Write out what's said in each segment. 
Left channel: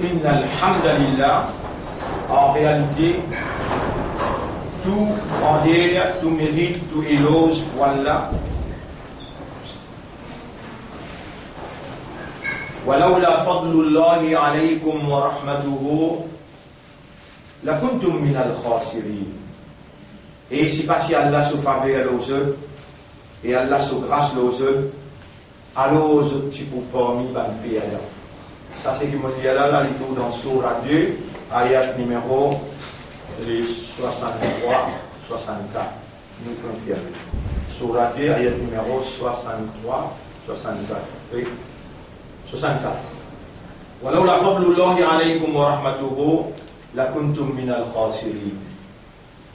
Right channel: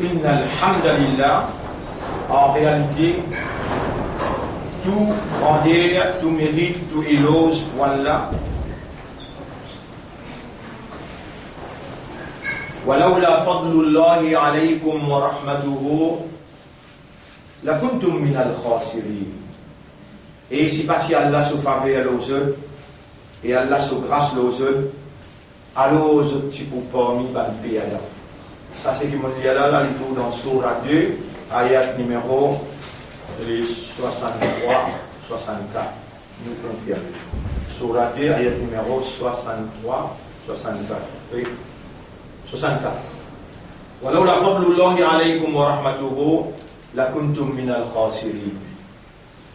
Inna alhamdulillah, en réalité, tout grandeur, tout mérite, tout éloge, voilà. ولولا فضل الله عليكم ورحمته لكنتم من الخاسرين. Et si pas si Allah se faveur aux eux et Allah se grâce aux eux, alors aux petits pour parmi les là. Ça c'est qui me dit là, il trouve dans Surah 2, ayat numéro 63, 64. Nous confirmons. Surah 2, ayat numéro 63, 64. Oui. 64. ولولا فضل الله عليكم ورحمته لكنتم من الخاسرين.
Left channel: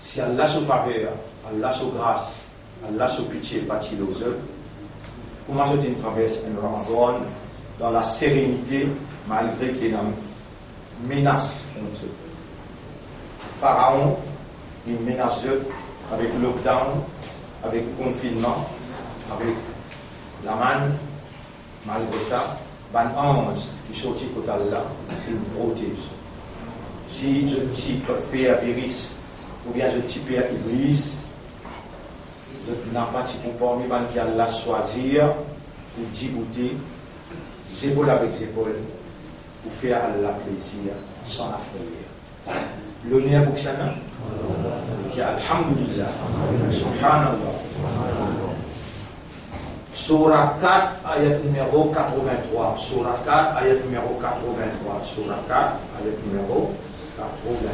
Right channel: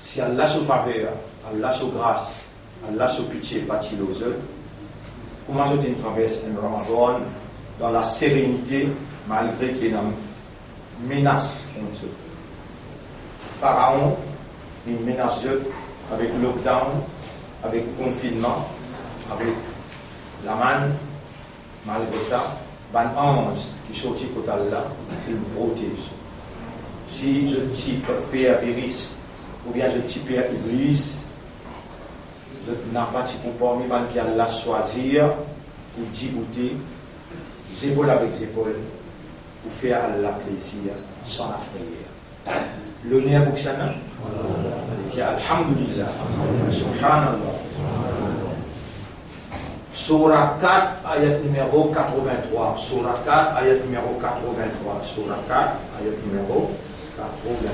Si Allah se faveur, Allah se grâce, Allah se pitié, pâtit aux eux, comment je traverse un Ramadan dans la sérénité, malgré qu'il y a une menace contre eux. Pharaon, il menace eux avec le lockdown, avec le confinement, avec la manne, malgré ça, ban ange qui sortit côté Allah, il protège. Si je type Père Viris, ou bien je type Père Iblis, je n'ai pas de comportement qui Allah choisir, ou djibouter, épaule avec épaule, pour faire Allah plaisir, sans la frayeur. L'honneur pour Shana, Alhamdulillah, Subhanallah. Surah 4, ayat numéro 83. Surah 4, ayat numéro 83. Surah 4, ayat numéro 83.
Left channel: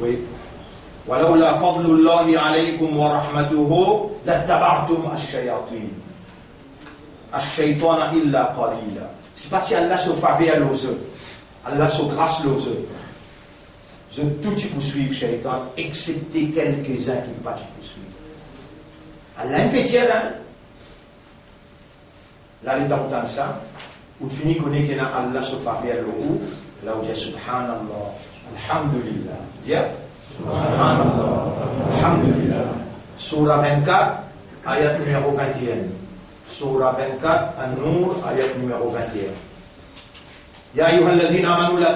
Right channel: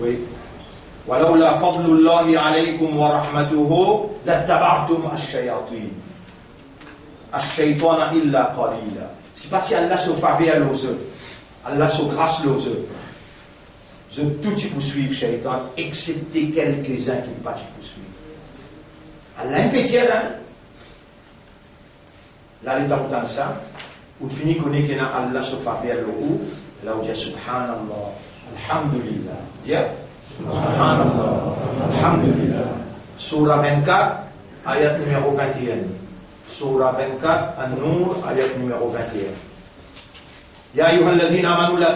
Oui. ولولا فضل الله عليكم ورحمته لاتبعتم الشياطين الشيطان إلا قليلا. C'est pas si Allah se faveur aux eux, Allah se grâce aux eux. Je tout y poursuivre Shaitan, excepté quelques-uns qui ne pas y poursuivre. Allah est petit là. Là, il est dans ça. Où tu finis connaître que Allah se faveur au là où dit Subhanallah, Alhamdulillah. Dis Subhanallah, Alhamdulillah. Surah 24, ayat numéro 21. Surah 24, An-Nur, ayat numéro 21. يا أيها الذين آمنوا لا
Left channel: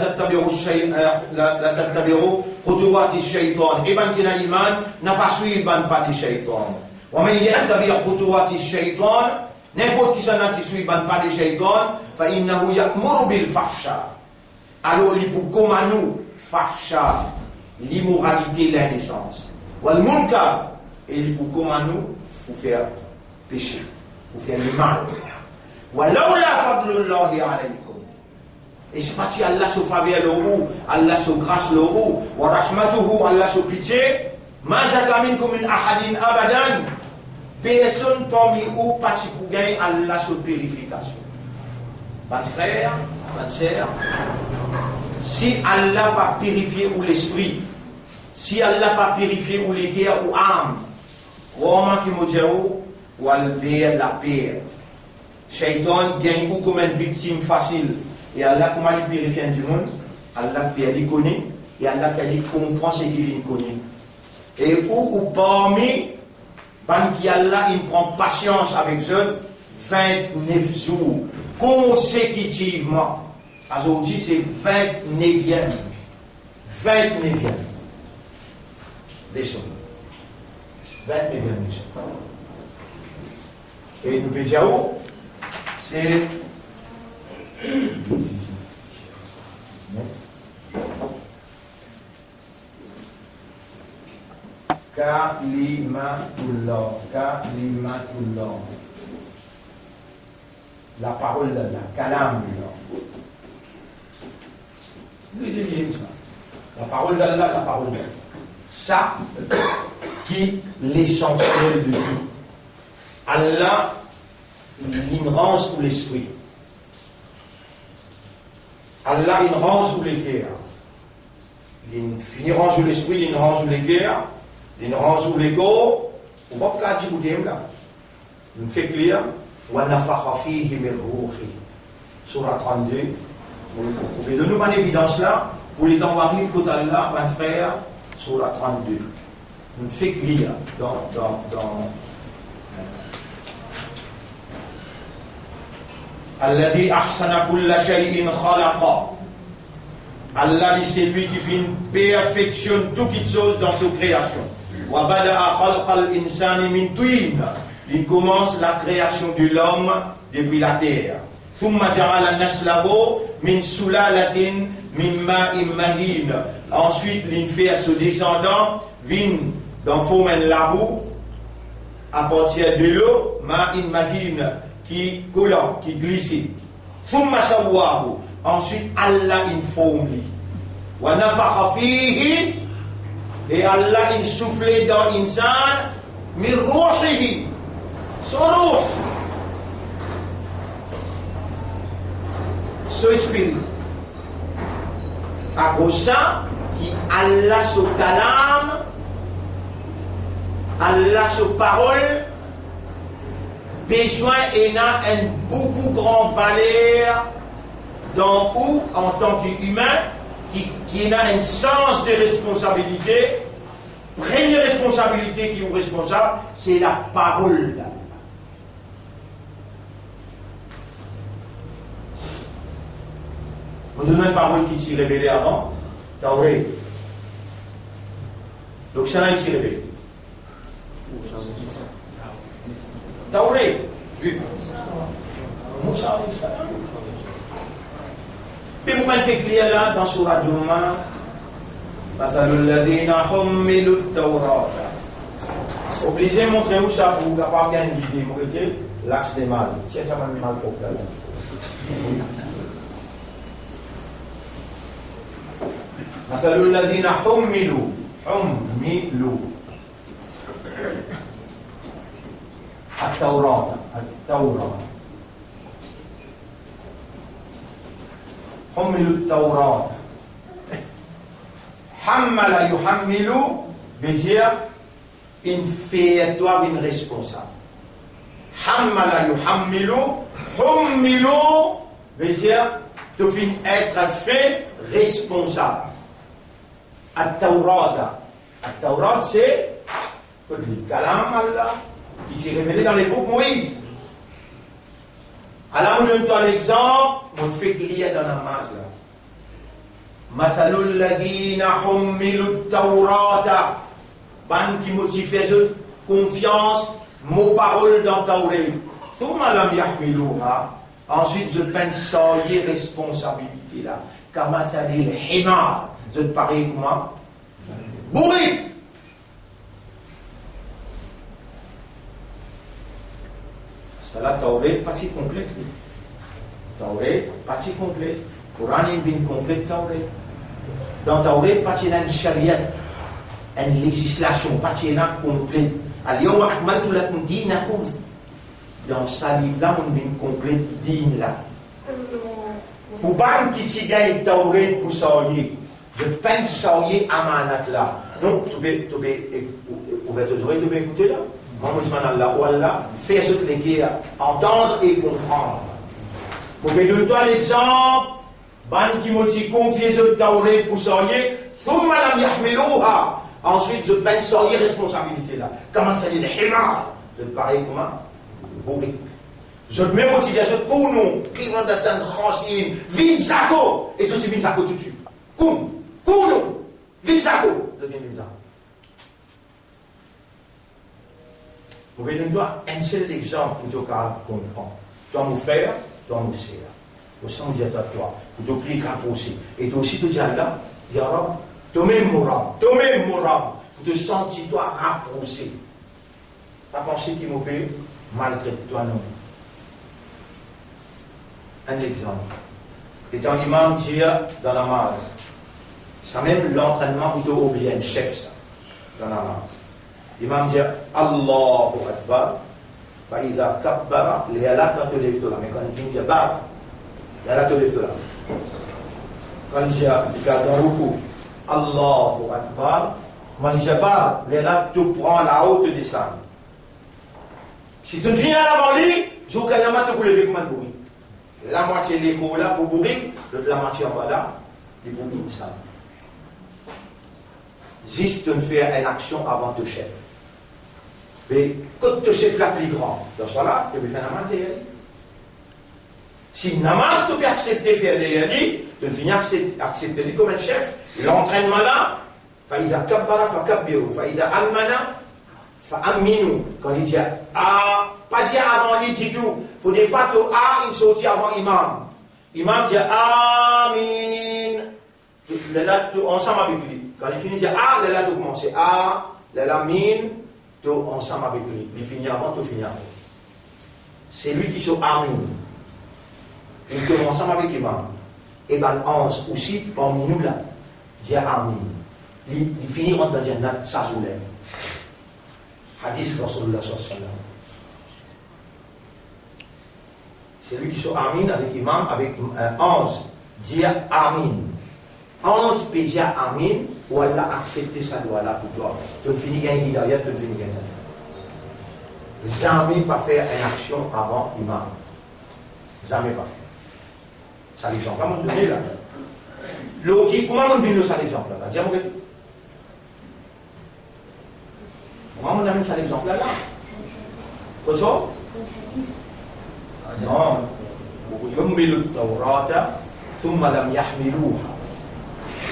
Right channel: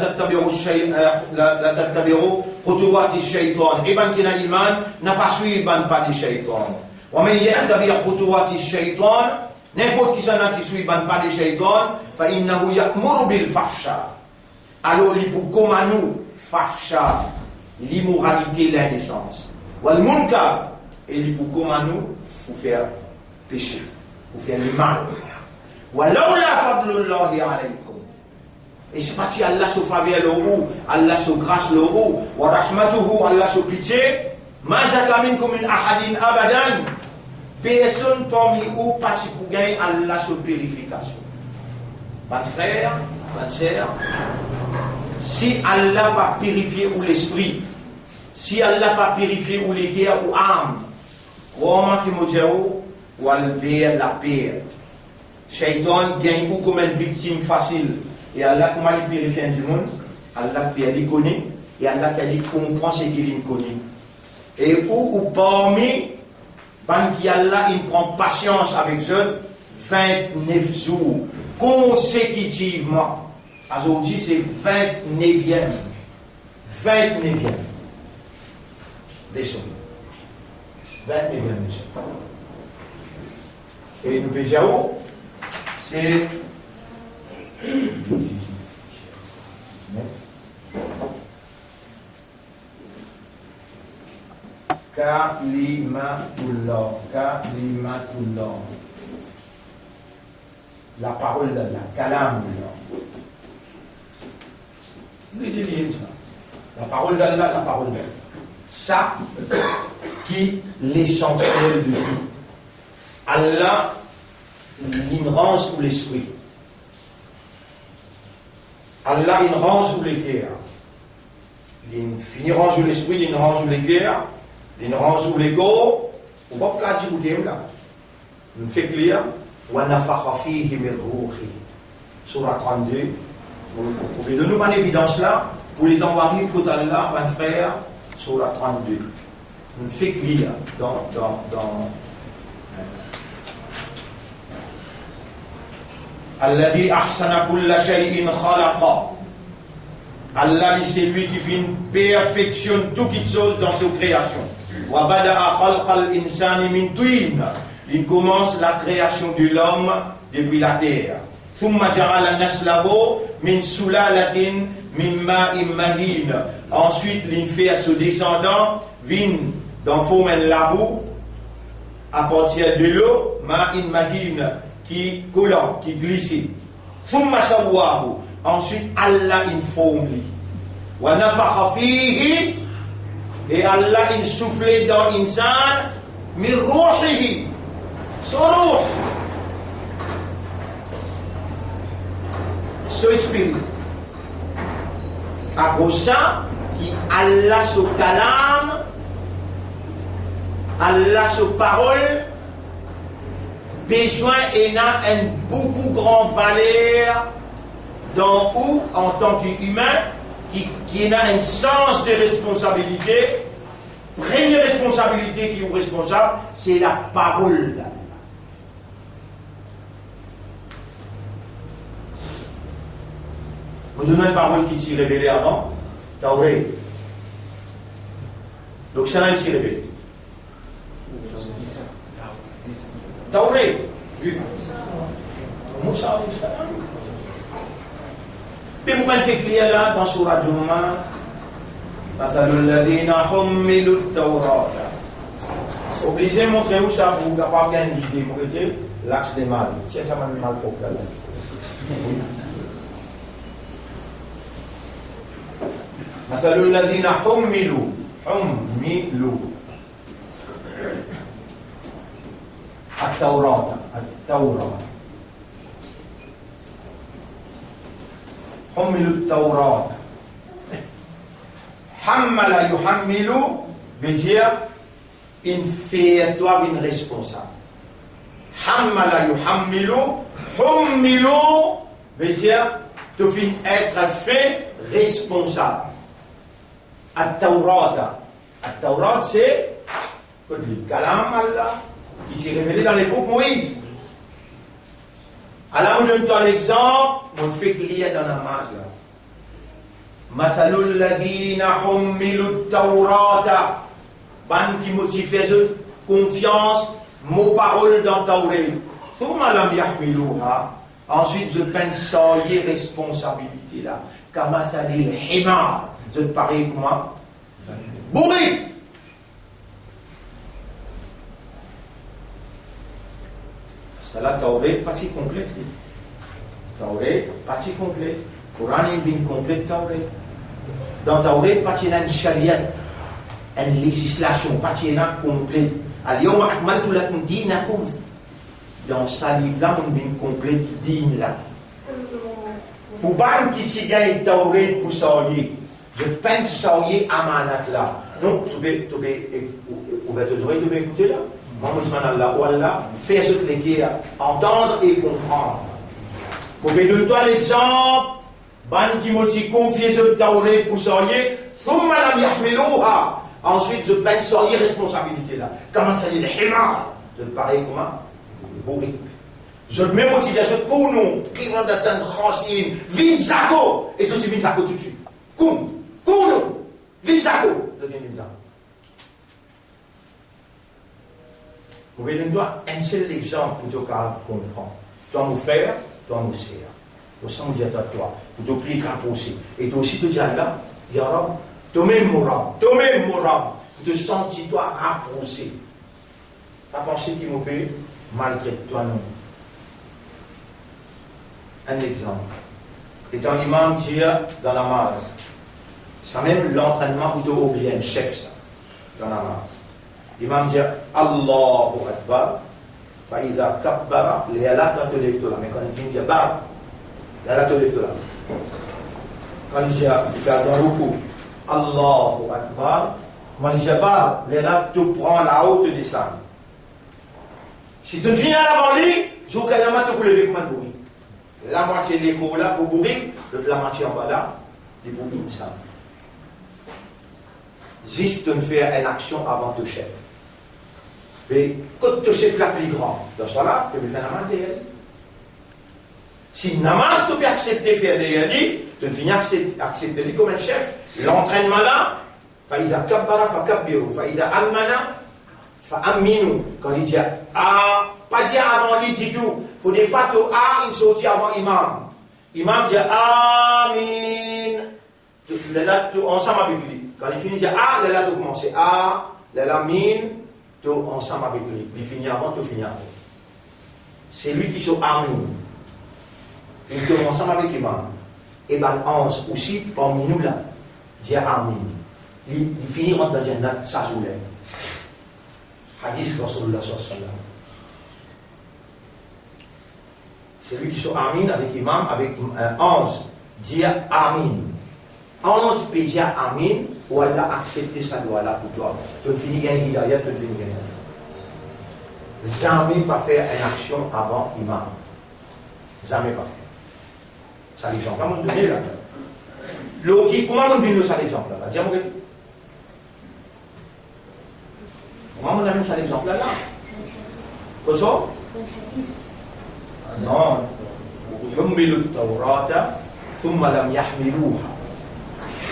تتبعوا خطوات الشيطان. إبن كنا إيمان نبصوي بان بان الشيطان. ومن يتبع خطوات الشيطان n'importe qui s'en a qui suit ban pas الشيطان فإنه يأمر بالفحشاء. Alors il pour comme nous fahsha l'immoralité l'indécence. Wal munkar et il pour comme nous pour faire péché, pour faire le mal. ولولا فضل الله عليكم. Et c'est parti Allah se faveur le ou, Allah se grâce le ou, wa rahmatuhu Allah se pitié, ma jaka minkum min ahadin abadan. Personne parmi vous pas si pour gagner Allah se purification. Mon frère, ma sœur, si Allah pas purifier ou l'esprit, si Allah pas purifier ou les cœurs ou âme, comment qui me dit ou enlever la perte. Shaitan gagne ou comme une victime facile. Et Allah, comment il purifie du monde? Allah fait les connaître et Allah fait les comprendre ce qu'il connaît. Et ou parmi, qui Allah, il prend patience avec eux 29 jours consécutivement. Aujourd'hui, c'est 29e. 29e. Leçon. 29e leçon. Et nous Béjaou, c'est. Kalimatullah, Kalimatullah. La parole d'Allah, Kalamullah. La parole d'Allah, la parole d'Allah. Ça qui est l'essentiel de tout. Allah, il range pour l'esprit. Allah, il range pour les cœurs. Il finit range pour l'esprit, il range pour les cœurs. Il range pour les corps. On va pas dire où là. On fait clair. وَنَفَخَ فِيهِ مِنْ رُوحِهِ. Surah 32. Vous pouvez donner une évidence là. Pour les temps où arrive côté Allah, mon frère, Surah 32. On fait clair Alladhi ahsana kulla shay'in khalaqa. Allah, c'est lui qui perfectionne toute chose dans sa création. Wa bada'a khalqal insani min tin. Il commence la création de l'homme depuis la terre. Thumma ja'ala naslahu min sulalatin min ma'in mahin. Ensuite, il fait à ce descendant vin dans fomen labou à partir de l'eau ma'in mahin qui collant, qui glissait. Thumma sawwahu. Ensuite, Allah informe lui. Wa nafakha fihi. Et Allah il soufflait dans l'insan min ruhihi. Son ruh. Son esprit. À cause ça, qui Allah se calame, Allah se parole, besoin et n'a un beaucoup grand valeur dans où, en tant qu'humain, qui a un sens de responsabilité. Première responsabilité qui est responsable, c'est la parole d'Allah. Vous donnez une parole qui s'est révélée avant, Tauret. Donc ça, il s'est révélé. Tauret. Moussa alayhi salam. Mais vous pouvez faire clair là dans Surah Jumu'ah. مثل الذين حملوا التوراة. Obligé de montrer où ça pour capable bien guider, vous voyez, l'axe des mal. C'est ça même mal pour là. مثل الذين حملوا التوراة حملوا التوراة. Hammala yuhammilu veut dire une fais-toi une responsable. Hammala yuhammilu, hummilu veut dire tu finis être fait responsable. At-Tawrat. At-Tawrat c'est le kalam Allah qui s'est révélé dans l'époque Moïse. Alors on donne l'exemple, on fait qu'il y a dans la masse là. مثل الذين حملوا التوراة. Ban qui motive confiance, mot parole dans Tauret. ثم لم يحملوها. Ensuite, je pense y responsabilité là. كمثل الحمار. Je te parie comment? Bourré. C'est la Tauret partie complète. Tauret partie complète. Coran est bien complet Tauret. Dans Tauret, pas de charia, une législation, pas de complète. Al-yawma akmaltu lakum dinakum. Dans ce livre-là, on a bien complet din là. Pour ban qui s'y gagne Tauret pour saouiller, je pense saouiller amanat là. Donc, tu peux ouvrir tes oreilles, tu peux écouter là. Maman Allah ou Allah, fais ce que les entendre et comprendre. Vous pouvez donner toi l'exemple. Ban qui m'a dit confier ce Tauret pour saurier, thumma lam yahmiluha. Ensuite, je peine saurier responsabilité là. Comment ça dit le himar? Je te parie comment? Bourrique. Je te mets motivation, kounou, qui va d'atteindre Khasin, Vinzako. Et je suis Vinzako tout de suite. Kounou, Vinzako. Je viens Vinzako. Vous voyez, nous doit un seul exemple pour te comprendre. Toi, mon frère, toi, mon sœur. Au sein de toi, pour te prier rapprocher. Et toi aussi, tu dis là, Ya Rab, toi-même mon Rab, pour te sentir toi rapproché. Ta pensée qui me fait malgré toi, non. Un exemple. Étant imam dire dans la masse, ça même l'entraînement plutôt au bien, chef, ça, dans la masse. Imam dit Allahu Akbar, Faïda Kabbara, les Allah, quand tu lèves toi là, mais quand il dit Barf, la toliftola. Quand il y a dans le coup, Allahu Akbar, quand il y a là, tu prends la haute descend. Si tu viens à la vendue, je vous dis que tu peux lever comme un bruit. La moitié de l'écho là pour bourrir, la moitié en bas là, les bourrines ça. Juste de faire une action avant ton chef. Mais quand ton chef là plus grand, dans ce là, tu peux faire la matière. Si namaz tu peux accepter faire des yadi, tu finis accepter lui comme un chef. L'entraînement là, faïda kabbara fa kabbiru, faïda ammana fa amminu. Quand il dit ah, pas dire avant lui dit tout. Faut dire pas tout ah, il sortit avant imam. Imam dit amin. Là, tout ensemble avec lui. Quand il finit, il dit ah, là, tout commence. Ah, là, min, tout ensemble avec lui. Il finit avant, tout finit après. C'est lui qui sont amin. Il commence ensemble avec l'imam. Et ben, 11 aussi, parmi nous là, dit amin. Il finit dans le jannat, ça soulève. Hadith Rasulullah sallallahu alayhi wa sallam. C'est lui qui sont amin avec l'imam, avec 11. Dire amin. 11 peut dire amin, ou elle a accepté sa loi là pour toi. Tu finis gagner hidayat, tu finis gagner. Jamais pas faire une action avant imam. Jamais pas faire. Ça l'exemple, on donner là. L'autre, comment on vient de ça l'exemple là? Dis-moi que comment on amène ça l'exemple là? Quoi ça? Non. حملوا التوراة ثم لم يحملوها.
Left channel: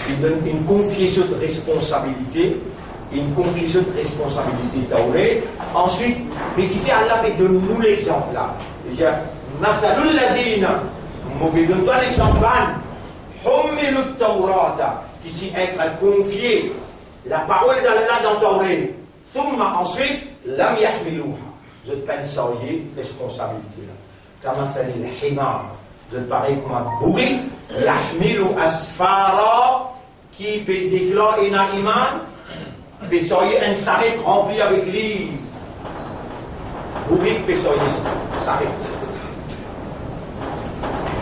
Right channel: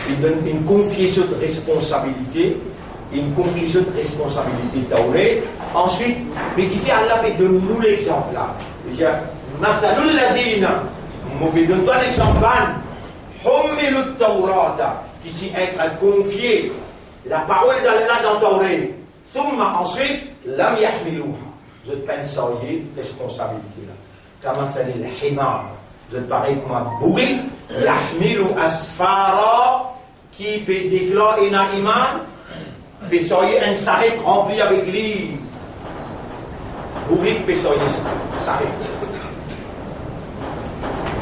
Il donne une confiance de responsabilité, Tauret. Ensuite, mais qui fait Allah peut donner nous l'exemple là. Il dit Mathalul ladina, donne-toi l'exemple. حملوا التوراة, qui dit être confié la parole d'Allah dans Tauret. ثم ensuite لم يحملوها. Je pense à responsabilité là. كمثل الحمار, vous êtes pareil comme un bourri, يحمل أسفارا, qui peut déclarer un iman, peut soyer un sarret rempli avec livres. Bourri peut soyer un sarret.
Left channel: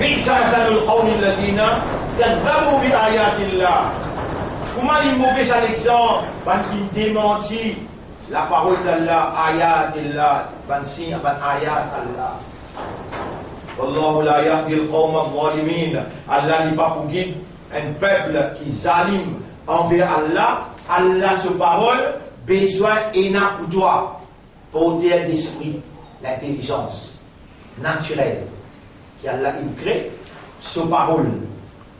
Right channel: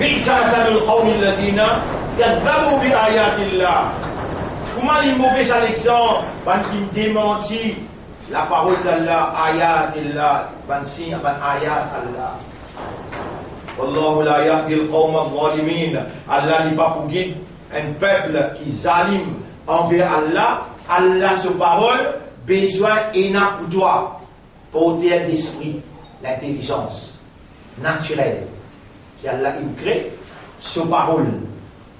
بئس مثل القوم الذين كذبوا بآيات الله. Comment les mauvais Alexandre, qui démentit la parole d'Allah, ayat Allah, signe, ayat Allah. Wallahu la yahdi al-qawm al-zalimin. Allah n'est pas pour guide un peuple qui zalim envers Allah. Allah, sa parole, besoin et n'a pour toi, porteur d'esprit, l'intelligence naturelle qui Allah il crée, sa parole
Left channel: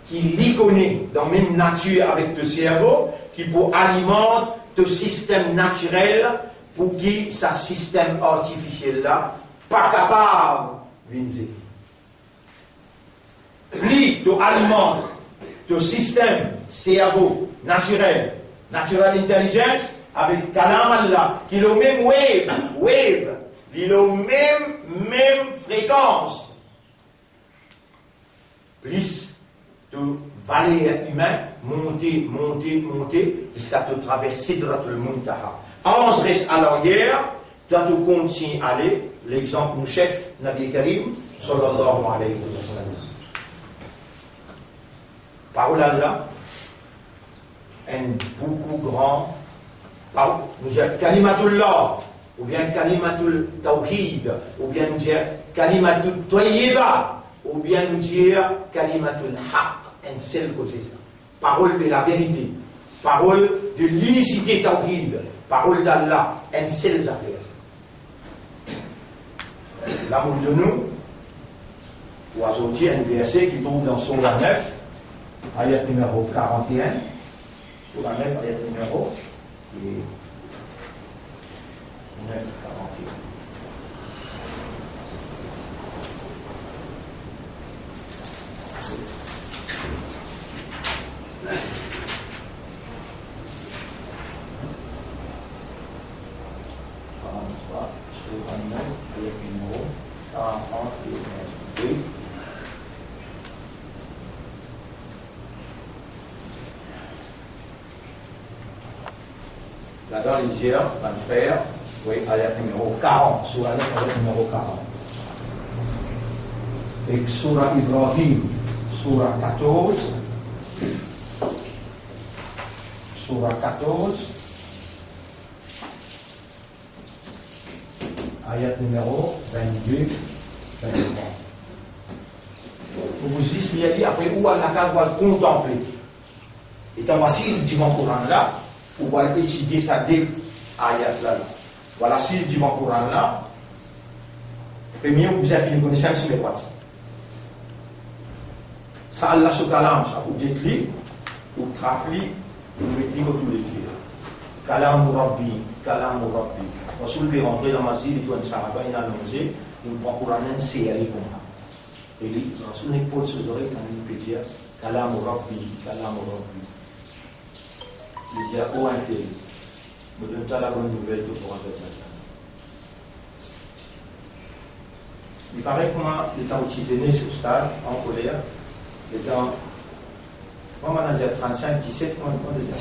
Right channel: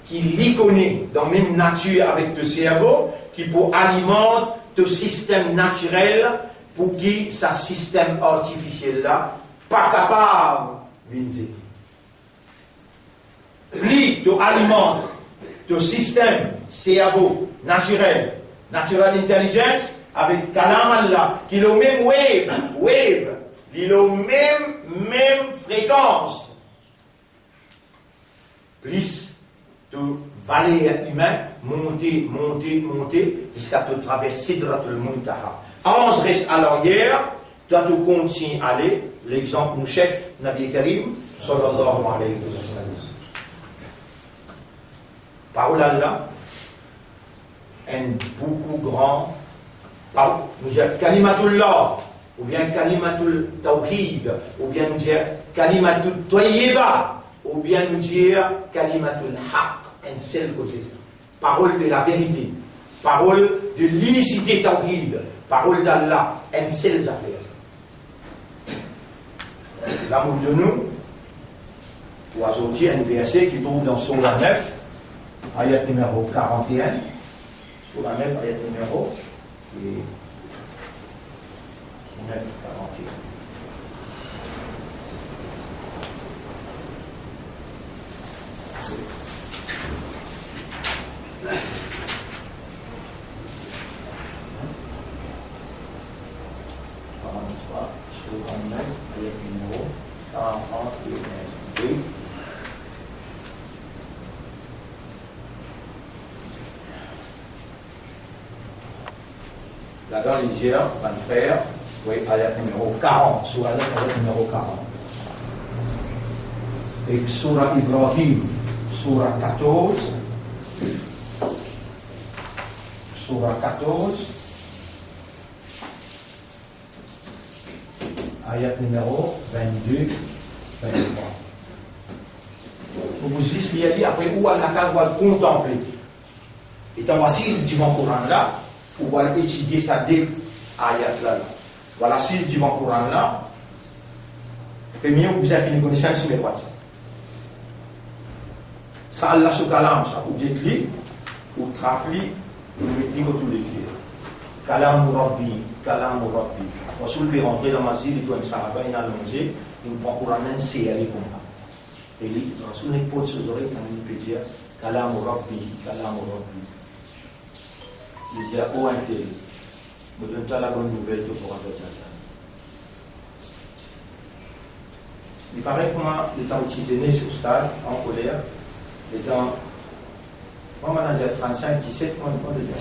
qui l'y connaît dans la même nature avec ton cerveau, qui pour alimenter ton système naturel, pour qui ce système artificiel là, pas capable de lui, tu alimentes ton système cerveau naturel, natural intelligence, avec Kalam Allah, qui est le même wave, il est le même fréquence. Plus de valeur humaine, monter, jusqu'à te traverser Sidratul Muntaha. 11 reste à l'arrière, toi tu continues à aller, l'exemple, nous chef, Nabi Karim, sallallahu alayhi wa sallam. Parole Allah, un beaucoup grand, nous disons Kalimatullah, ou bien Kalimatul Tawhid, ou bien nous disons Kalimatul Tayyiba, ou bien nous disons Kalimatul Haq, un seul côté. Parole de la vérité, parole de l'unicité Tawhid, parole d'Allah, un seul affaire. L'amour de nous, ou à sortir un verset qui trouve dans Surah 9, ayat numéro 41, Surah 9, ayat numéro 9, 41. Surah 9, ayat numéro 41. Oui. Là dans les yeux, mon frère, oui, ayat numéro 40, Surah 9, ayat numéro 40. Et Surah Ibrahim, Surah 14, Surah 14, ayat numéro 22, 23. Vous dites, il y a dit après où Allah va contempler. Et dans la 6 du Coran là, pour pouvoir étudier ça dès ayat là. Voilà 6 du Coran là. Premier, vous avez fini connaissance sur les droits. Ça, Allah se calame, ça, ou guette-li, ou trappe-li, ou mettez comme tous les kirs. Kalam Rabbi, Kalam Rabbi. Ensuite, il peut rentrer dans ma ville, il doit une saraba, il a allongé, il prend pour amener, c'est aller comme ça. Et ensuite, il pose ses oreilles, il peut dire Kalam Rabbi, Kalam Rabbi. Il dit, oh, intérêt, me donne-toi la bonne nouvelle, tu pourras faire ça. Il paraît que moi, étant utilisé sur stage, en colère, étant, moi, j'ai 35, 17 mois déjà.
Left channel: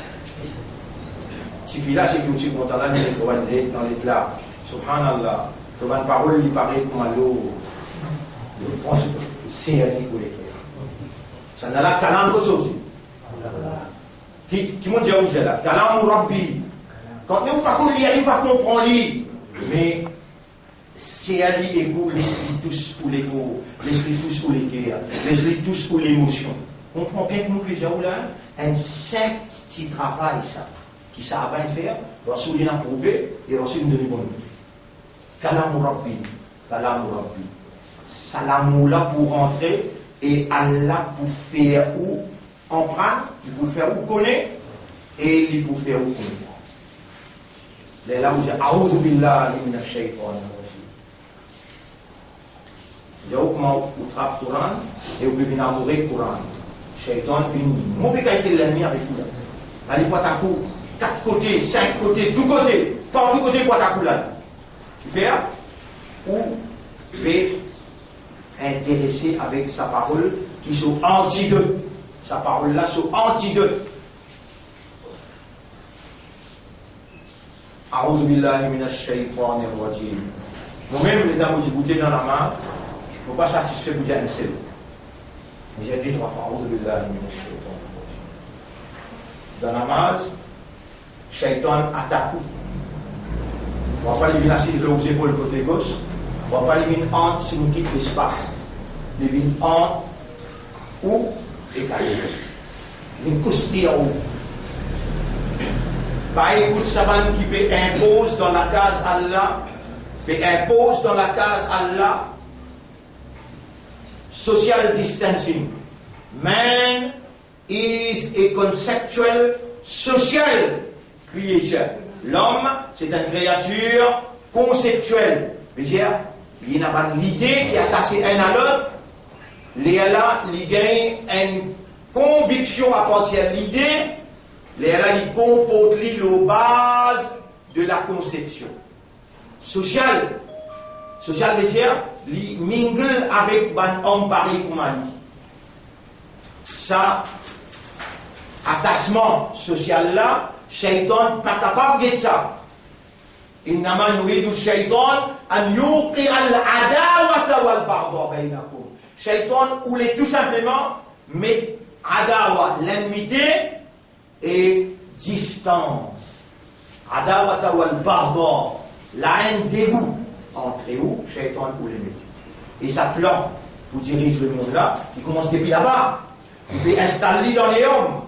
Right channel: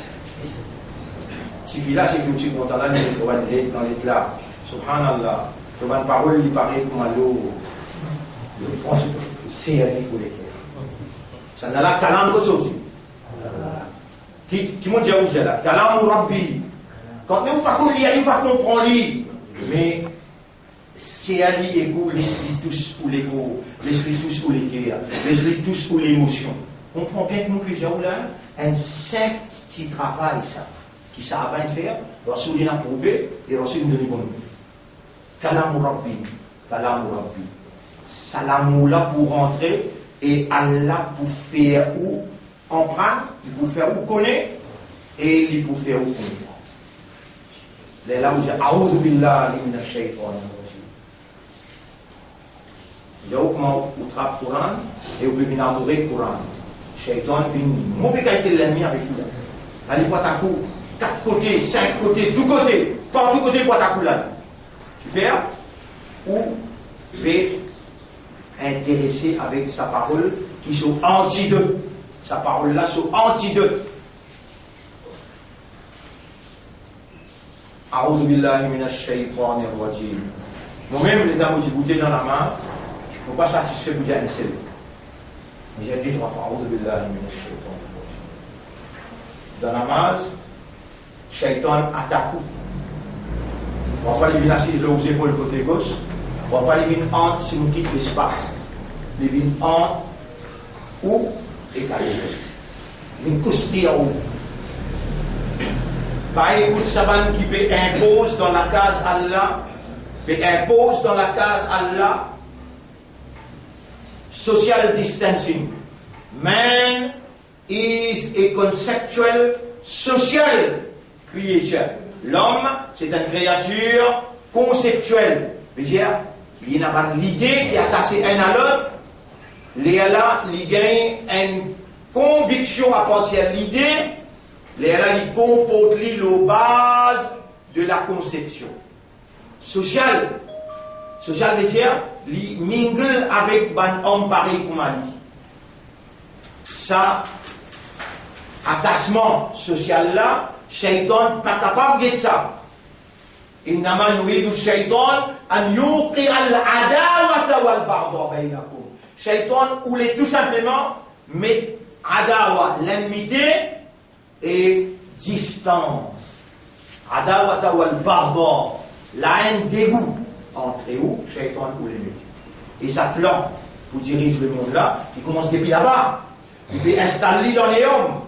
Si village est que tu es content, là, dans l'éclat, subhanallah, tu as une parole, il paraît comme à l'eau, je pense que c'est un pour les cœurs. Ça n'a pas kalam que ça. Qui m'ont dit où c'est là? Kalam ou Rabbi. Quand nous ne pas comprendre, mais c'est un ego, l'esprit tous ou l'ego, l'esprit tous ou les cœurs, l'esprit tous ou l'émotion. On comprend bien que nous, déjà, là, un simple petit travail, ça. Qui ça va faire, Rasoul il a prouvé et Rasoul nous donne bonne nouvelle. Kalam Rabbi, Kalam Rabbi. Salamou là pour rentrer et Allah pour faire ou emprunter, il pour faire ou connaître et il pour faire ou comprendre. Là où j'ai A'udhu billahi minash shaytanir rajim. J'ai comment vous trappe le Coran et vous pouvez venir amourer le Coran. Shaitan vient mauvais qualité l'ennemi avec vous. Allez pas ta coup. 4 côtés, 5 côtés, tout côté, partout côté pour ta coulade. Qui fait ou peut intéresser avec sa parole qui sont antidotes. Sa parole là sont antidotes. A'udhu billahi minash shaytanir rajim. Moi-même, les dames, j'ai goûté dans la main, je ne peux pas satisfaire pour dire un seul. Mais j'ai dit 3 fois, A'udhu billahi minash shaytanir rajim. Dans la main, Shaitan attaque. On va faire les vignes assises aux épaules côté gauche. On va faire les vignes en si nous quittons l'espace. Les vignes en ou écalées. Les vignes coustées en haut. Pas écoute Saban qui peut impose dans la case Allah. Peut impose dans la case Allah. Social distancing. Man is a conceptual social creation. L'homme, c'est une créature conceptuelle. C'est-à-dire, il y a pas l'idée qui est attachée un à l'autre. Il gagne une conviction à partir de l'idée. Il comporte la base de la conception. Social. Social veut dire, il mingle avec un homme pareil comme lui. Ça, attachement social là, Shaitan pas capable de ça. Innama yuridu Shaitan an yuqi al-adawata wal-baghdha bainakum. Shaitan voulait tout simplement mettre adawa, l'enmité et distance. Adawata wal-baghdha, la haine dégoût entre vous, Shaitan voulait mettre. Et sa plan pour diriger le monde là, il commence depuis là-bas. Il peut installer dans les hommes.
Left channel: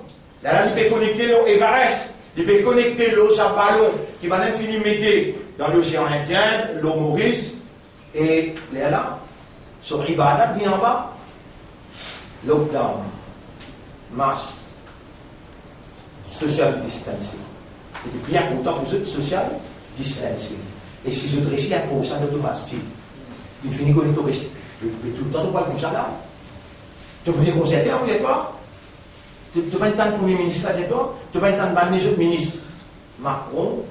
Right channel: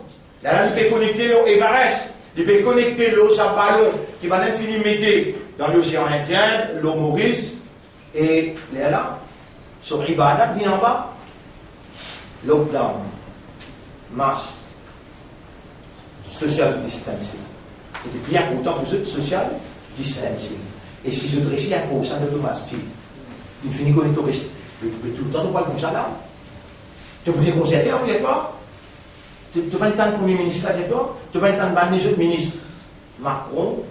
Là, il peut connecter l'eau Everest. Il peut connecter l'eau ballon qui va l'infini mettre dans l'océan Indien, l'eau Maurice. Et là, sur Ibadat, vient en bas. Lockdown. Masse. Social distancing. C'est bien content pour eux, social distancing. Et si je dresse un pour ça de domestique, il finit qu'on est tout le temps, on parle comme ça là. Tu peux dire qu'on s'est vous n'êtes pas? Tu n'as pas le temps de Premier ministre là, tu n'as pas le temps de banner les autres ministres. Macron,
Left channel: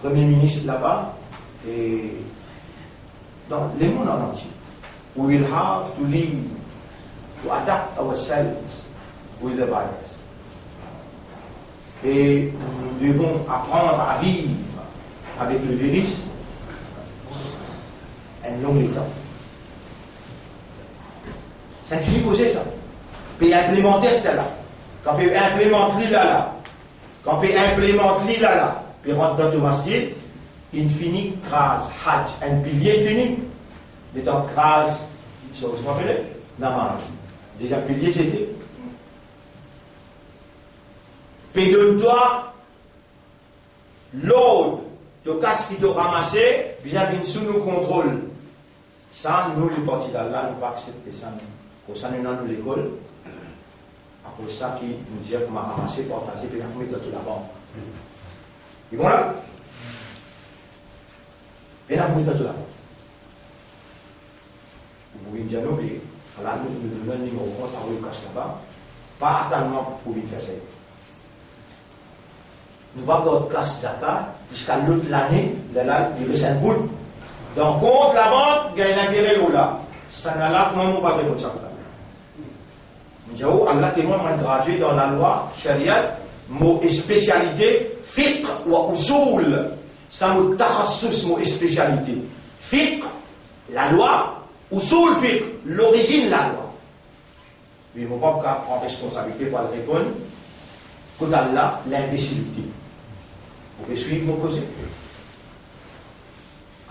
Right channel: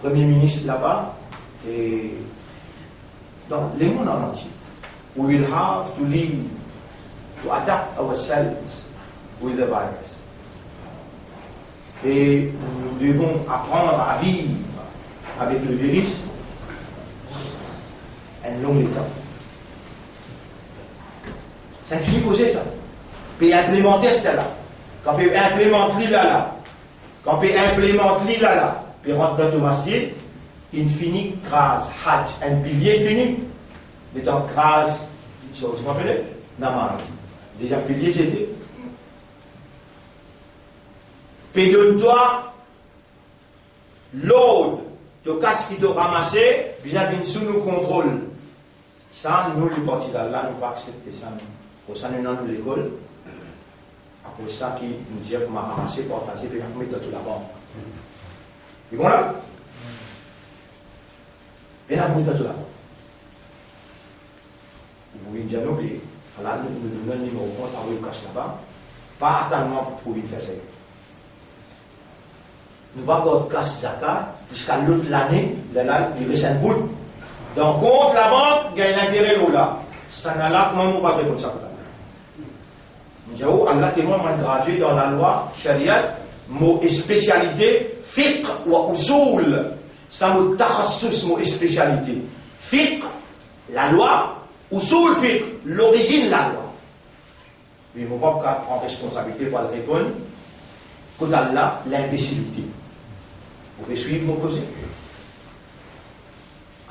Premier ministre là-bas, et dans le monde en entier. We will have to live, to adapt ourselves with the virus. Et nous devons apprendre à vivre avec le virus un long temps. Ça ne finit poser ça. Puis implémenter cela là. Quand on implémente là, quand on implémente là, puis rentre dans le masjid, il finit crase, hajj, un pilier fini. Mais dans crase, ça vous rappelez? Namaz. Déjà pilier j'étais. Puis donne-toi l'ordre de casse qui doit ramasser, puis j'avais sous nos contrôles. Ça, nous, les partis d'Allah, nous ne pas accepter ça. Pour ça, nous, dans l'école, Après ça, qui nous dit qu'on m'a ramassé, partagé, puis on met dans toute la banque. Et bon là? Et là, on met dans toute la banque. Vous pouvez dire non, mais là, nous donnons un numéro de compte, on le cache là-bas. Pas attendre pour pouvoir faire ça. Nous ne pouvons pas casse zakat jusqu'à l'autre l'année, là, il reste un bout. Donc, contre la banque, il y a un intérêt là. Ça n'a là, comment on va faire comme ça? Nous disons, Allah témoin m'a gradué dans la loi Sharia, mot et spécialité, fiqh ou usul. Ça mot takhassus, mot et spécialité. Fiqh, la loi, usul fiqh, l'origine de la loi. Mais il ne faut pas prendre responsabilité pour le répondre. Quand Allah, l'imbécilité. Vous pouvez suivre mon cause.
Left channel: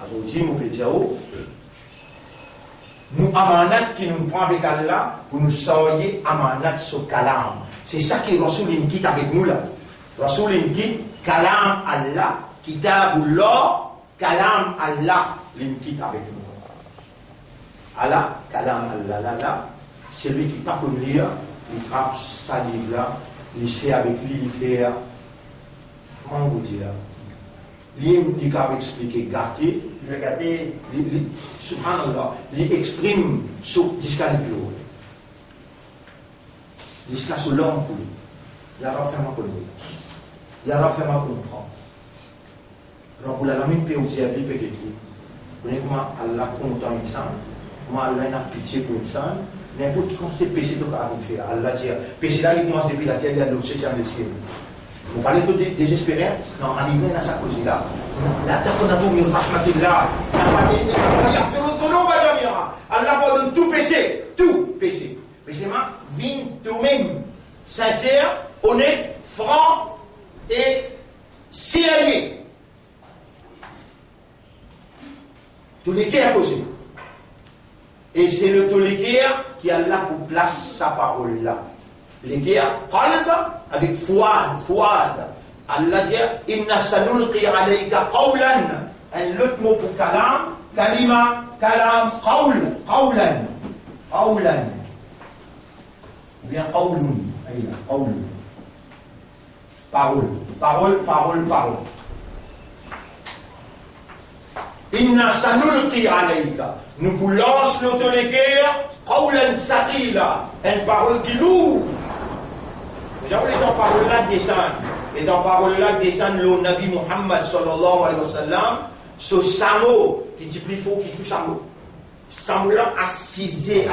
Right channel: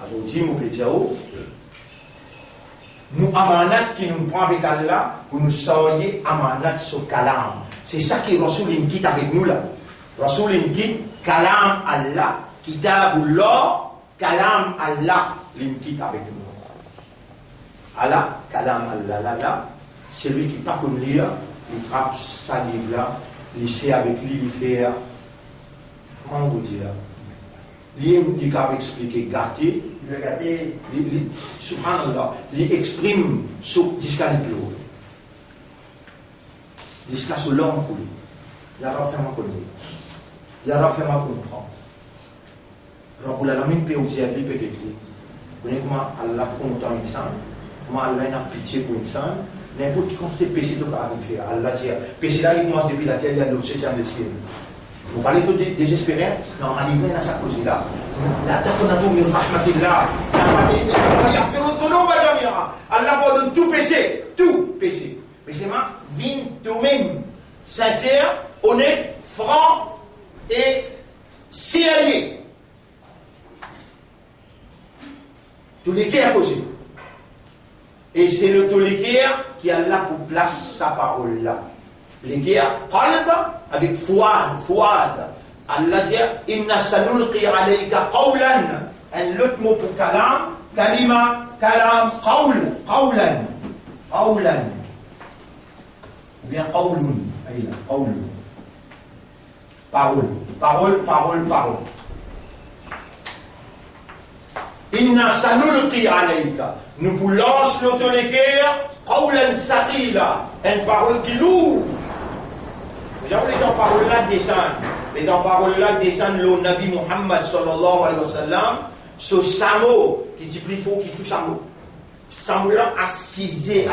Aujourd'hui, mon petit nous amanat qui nous prend avec Allah pour nous soyez amanat sur kalam. C'est ça qui Rasoul quitte avec nous là. Rasoul quitte kalam Allah, kitabullah, kalam Allah, quitte avec nous. Allah, kalam Allah, là, c'est lui qui pas comme lire, il trappe sa livre là, il sait avec lui, il fait. Comment vous dire? Il a expliqué gâté, subhanallah, il exprime sur discaliplo. Jusqu'à ce long pour lui. Il a fait ma connaître. Il a fait ma comprendre. Alors, pour la lamine peut aussi aller peut-être. Vous voyez comment Allah content une sainte, comment Allah a pitié pour une sainte, n'importe qui constate péché de pas faire. Allah dit, péché là, il commence depuis la terre, il y a l'autre septième des cieux. Vous parlez de désespéré, non, on a livré dans sa cause là. La taconatu min rahmatillah. Allah pardonne tout péché, tout péché. Mais c'est ma vie toi-même, sincère, honnête, franc et sérieux. Tous les cœurs posés. Et c'est le tous les cœurs qui a là pour place sa parole là. Les cœurs, qalb, avec fouad. Allah dit, inna sanulqi alayka qawlan. Un autre mot pour kalam, kalima, kalam, qawlan. Ou bien qawlun. Qawlun. Parole. Inna sanulqi alayka. Nous vous lance notre cœur, qawlan thaqila. Une parole qui lourde. Vous avez les paroles-là descendent. Et dans parole-là descend le Nabi Muhammad sallallahu alayhi wa sallam, ce samo qui dit plus fort qui tout samo. Samo-là assisé.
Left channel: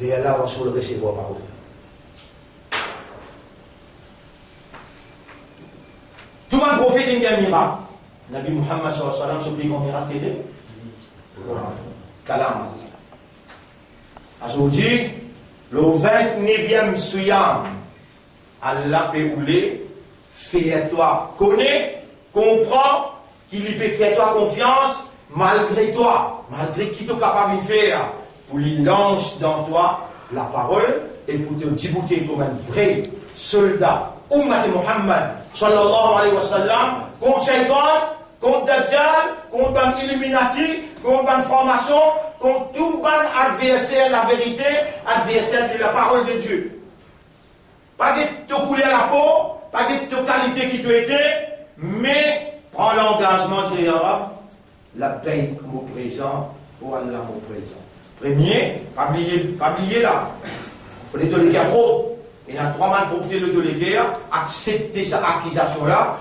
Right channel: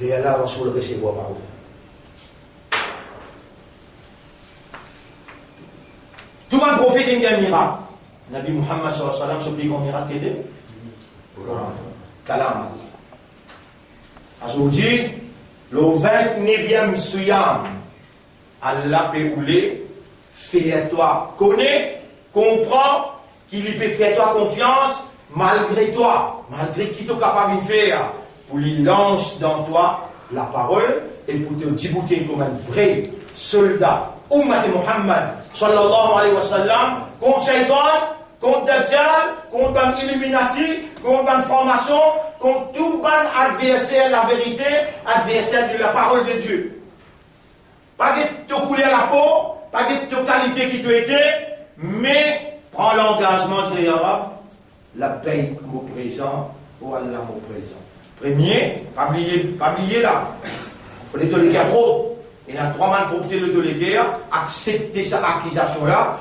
Les Allah Rasoul recevoir parole. Tout un prophète il y a un miracle. Nabi Muhammad sallallahu alayhi wa sallam, ce plus grand miracle qui était Kalam. Aujourd'hui, le 29e Suyam, Allah peut rouler, fais-toi connaître, comprends qu'il peut faire toi confiance malgré toi, malgré qui t'es capable de faire, pour lui lance dans toi la parole et pour te débouter comme un vrai soldat. Ummat Muhammad sallallahu alayhi wa sallam, contre Shaitan, contre Dajjal, contre un Illuminati, contre une formation, contre tout ban adversaire de la vérité, adversaire de la parole de Dieu. Pas que te couler à la peau, pas que te qualité qui te était, mais prends l'engagement de Yarab, la paix mon présent, oh Allah mon présent. Premier, pas oublier là. Il faut les tolérer trop. Il y a 3 mois pour obtenir le tolérer, accepter cette accusation-là,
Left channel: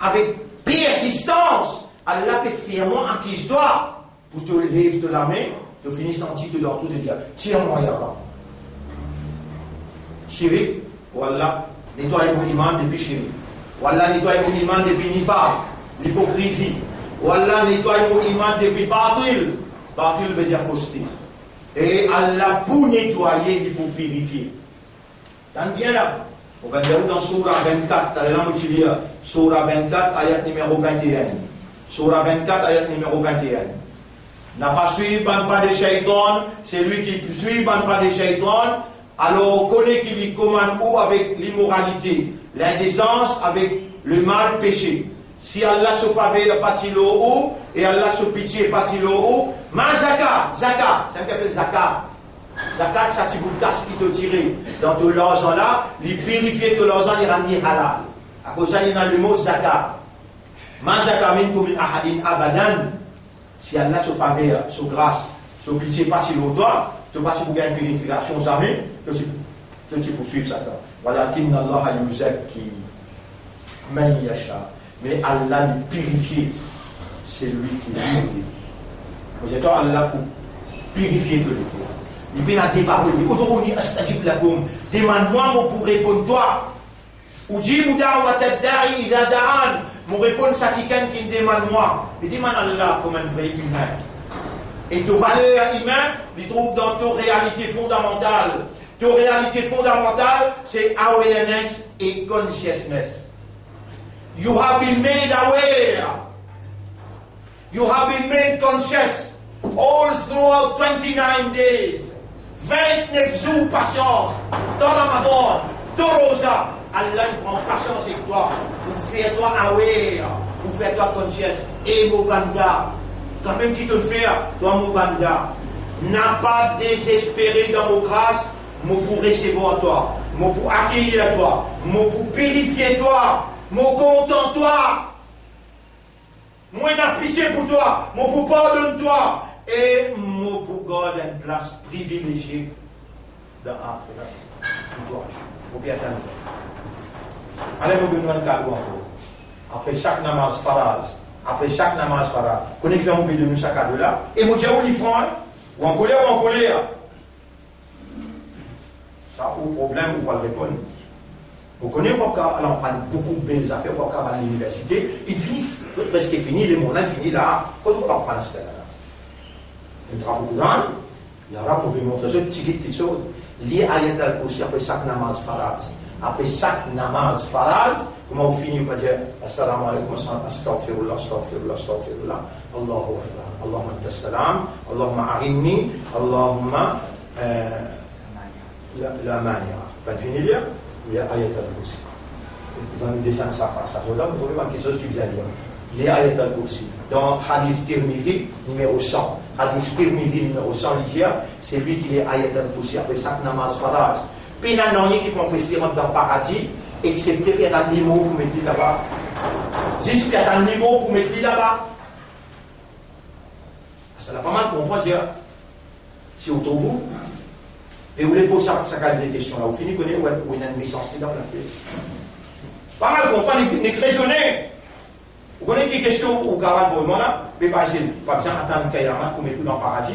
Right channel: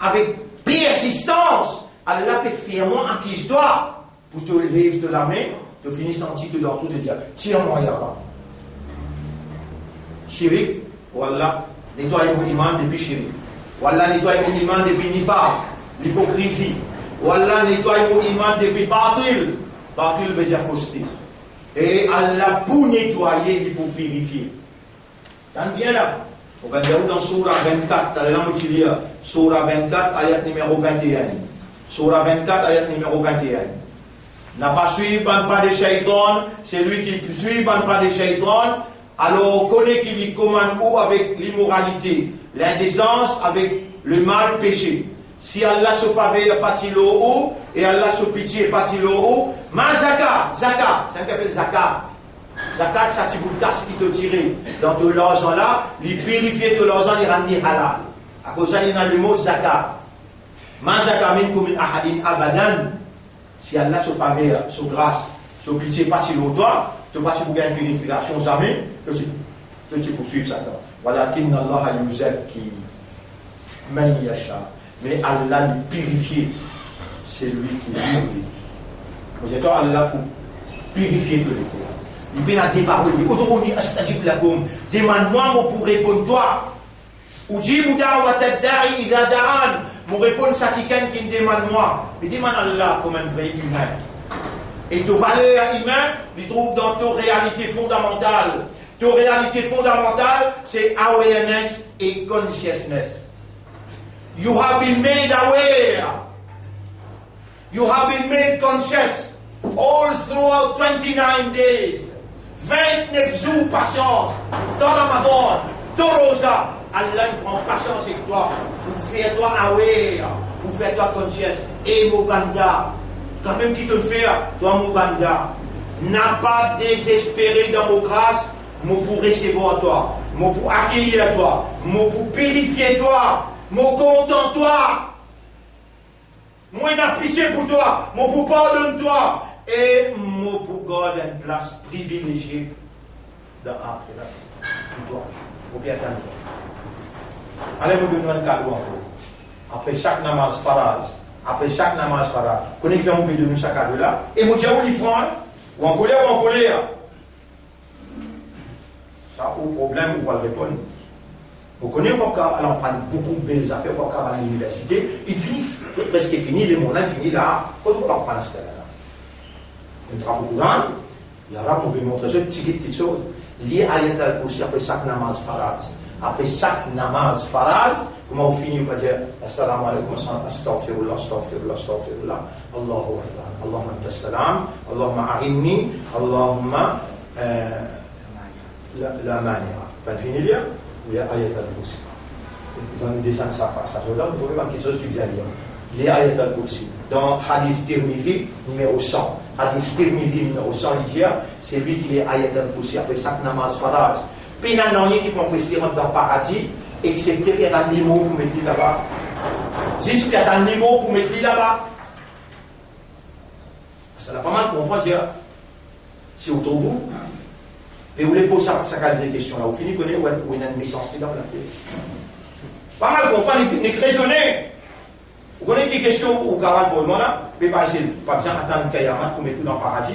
avec persistance. Allah peut fièrement accuse-toi pour te lever de la main, te finir sentir dans tout, te dire, tire-moi Yarab. Chirik, voilà, nettoie mon iman depuis chirik. Voilà, nettoie mon iman depuis nifaq, l'hypocrisie. Voilà, nettoie mon iman depuis batil. Batil veut dire fausseté. Et Allah pour nettoyer, il faut purifier. T'en bien là. On va dire dans Surah 24, t'as la moitié Surah 24, ayat numéro 21. Surah 24, ayat numéro 21. N'a pas suivi pas de shaitan, c'est lui qui suit pas de shaitan. Alors on connaît qu'il y commande ou avec l'immoralité, l'indécence avec le mal péché. Si Allah se faveur parti le haut et Allah se pitié parti le haut, mal zakat, ça s'appelle zakat. Zakat, ça, c'est pour casse qui te tire dans tout l'argent là, les purifier tout l'argent, les rendre halal. À cause de ça, il y a le mot zakat. Man zakamin comme ahadin abadan. Si Allah se fait sur grâce, sur pitié, pas sur l'autre, tu vas pour gagner une purification, jamais, que tu poursuives Satan. Voilà, qu'inna Allah yuzakki man yasha. Mais Allah le purifie, c'est lui qui purifie. Vous êtes Allah pour purifier tout le corps. Il peut la débarrer. Aujourd'hui, astajib lakum. Demande-moi pour répondre toi. Ujibu da'watad da'i ila da'an. Mon répondre ça quelqu'un qui me demande moi. Il demande Allah comme un vrai humain. Et ta valeur humaine, il trouve dans ta réalité fondamentale. Ta réalité fondamentale, c'est awareness et consciousness. You have been made aware. You have been made conscious all throughout 29 days. 29 jours patience. Dans Ramadan, dans Rosa, Allah prend patience avec toi. Pour faire toi aware. Pour faire toi conscious. Et Mobanda. Quand même qui te fait, toi Mobanda. N'a pas désespéré dans mon grâce. Moi pour recevoir toi. Moi pour accueillir toi. Moi pour purifier toi. Moi content toi. Moi n'a pitié pour toi. Moi pour pardonner toi. Et moi pour garder une place privilégiée dans l'Akhira. Pour toi. Pour bien attendre. Allez nous donner un cadeau encore. Après chaque namaz faraz. Après chaque namaz faraz. Connaissez vous de nous chaque cadeau là. Et moi j'ai les francs. Ou en colère ou en colère. Ça au problème ou pas le répondre. Vous connaissez pourquoi on prend beaucoup de belles affaires pour à l'université. Il finit presque fini, le monde finit là. Quand on prend ce là. On travaille beaucoup dans. Il y aura pour vous montrer une petite chose. Lié à Ayat al-Kursi après chaque namaz faraz. Après chaque namaz faraz, comment on finit par dire Assalamu alaikum, astaghfirullah, astaghfirullah, astaghfirullah, Allahu Akbar, Allahumma anta salam, Allahumma a'inni, Allahumma la manière. Pas fini là? Il y a Ayat al-Kursi. Dans le dessin de sa passage, là, vous trouvez quelque chose qui vient dire. Il y a Ayat al-Kursi. Dans Hadith Tirmidhi, numéro 100. Hadith Tirmidhi, numéro 100, c'est lui qui est Ayat al-Kursi après chaque namaz faraz. Puis il y a un qui peut rentrer dans le paradis, excepté qu'il y a un niveau pour mettre là-bas. Juste qu'il y a un niveau pour mettre là-bas. Ça n'a pas mal comprendre, si vous trouvez vous, et vous voulez poser ça des questions là, vous finissez de connaître où il y a une licence dans la télé. Pas mal comprendre, n'est que raisonner. Vous connaissez des questions où vous avez le bon là, mais pas besoin d'attendre qu'il y ait un pour mettre tout dans le paradis.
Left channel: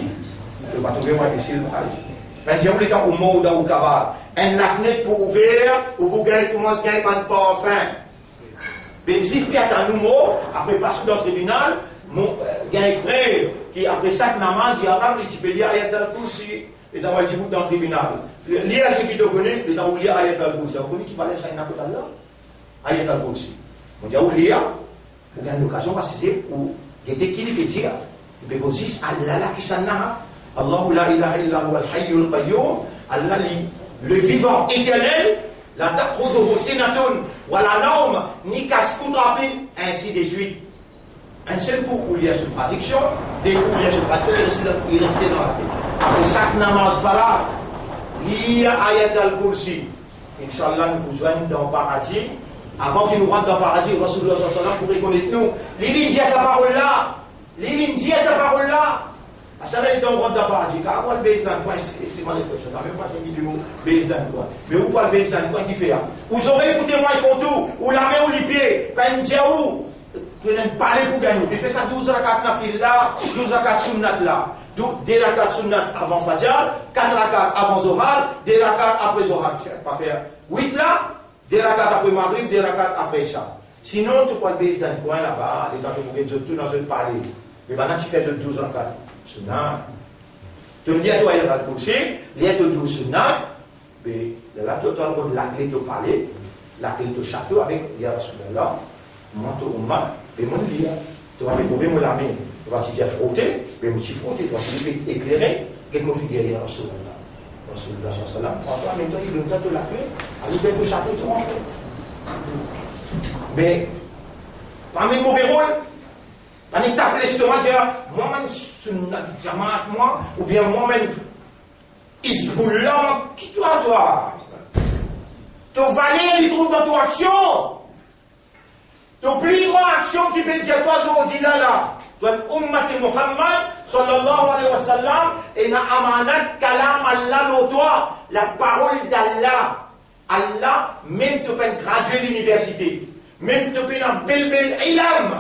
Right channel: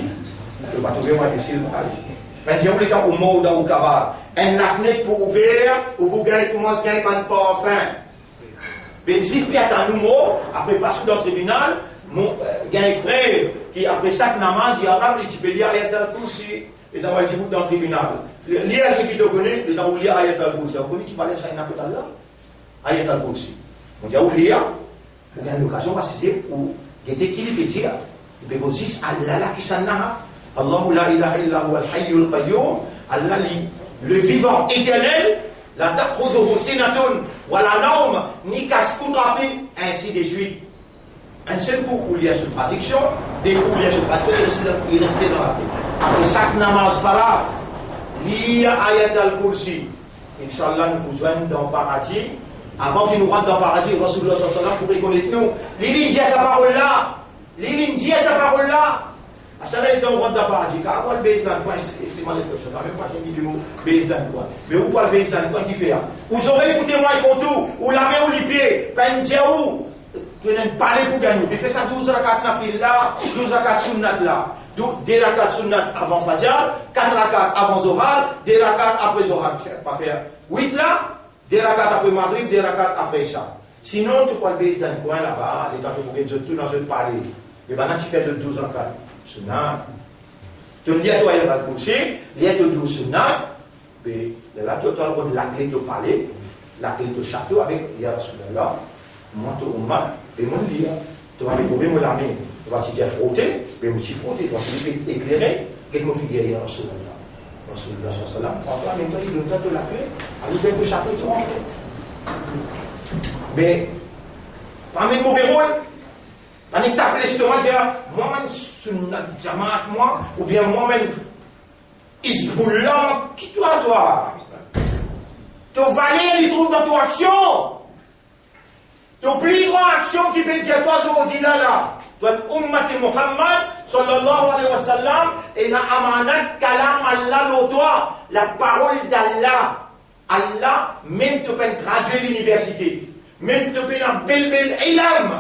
Vous ne pouvez pas trouver moi ici le paradis. Mais Dieu voulait qu'au mot ou caval, la fenêtre pour ouvrir, ou pour gagner, commence à gagner pas de enfin. Mais si il y a un numéro, après passer dans le tribunal, gagner près, qui après chaque namaz, il y a un petit peu lié à Ayat al-Kursi, et dans le dans le tribunal. Lié à ce qui te connaît, dans le lié à Ayat al-Kursi. Vous connaissez qu'il fallait ça, il n'a pas d'Allah. Ayat al-Kursi. On dit, où lié, pour gagner l'occasion, parce que c'est pour gagner qui peut dire, il peut dire, Allah là qui s'en a. Allahu la ilaha illa huwa al-hayyul qayyum. Allah le vivant éternel, la ta'khudhuhu sinatun wa la nawm, ni kaskutrapi, ainsi de suite. Un seul coup où il y a cette traduction, des coups où il y a cette traduction, il restait dans la tête. Après chaque namaz faraz, lire Ayat al-Kursi. Inch'Allah, nous pouvons joindre dans le paradis. Avant qu'il nous rentre dans le paradis, Rasulullah sallallahu alayhi wa sallam pour reconnaître nous. L'île dit à sa parole là. L'île dit à sa parole là. Ça là, il est en droit de paradis. Car moi, le base dans le coin, c'est mal quelque chose. Même pas 5 000 mots, base dans le coin. Mais où pas le base dans le coin qui fait là? Vous aurez écouté moi et tout, ou la main ou les pieds, pas une djaou. Tu n'aimes pas les pour gagner. Tu fais ça 12 rakat nafil là, 12 rakat sunnat là. 2 rakat sunnat avant Fajr, 4 rakat avant Zohar, 2 rakat après Zohar. Pas faire 8 là, 2 rakat après Maghrib, 2 rakat après Isha. Sinon, tu peux le base dans le coin là-bas, les temps que vous voulez tout dans un palais. Mais maintenant, tu fais 12 rakat. Sunnah. Tu me dis à toi, il y a le Kursi, il y a le 12 sunnah, mais là, tu as le droit de la clé de palais, la clé de château avec, il y a Rasulallah, manteau ou mal, et mon lit. Tu vas me trouver mon lame, tu vas te frotter, mais tu frotter, tu vas te éclairer, quel mot figure il y a Rasulallah. Rasulallah sallallahu alayhi wa sallam, en même temps, il donne la clé, il fait le château, tu rentres. Mais, parmi le mauvais rôle, on est tapé l'estomac, dire, moi-même, sunnat jamaat, moi, ou bien moi-même, Isbullah, qui toi? Ton valeur, il trouve dans ton action. Ton plus grande action qui peut dire toi aujourd'hui là. Toi, l'ummat Muhammad, sallallahu alayhi wa sallam, et na amanat kalam Allah l'autoir, la parole d'Allah. Allah, même tu peux graduer l'université, même tu peux un bel ilm.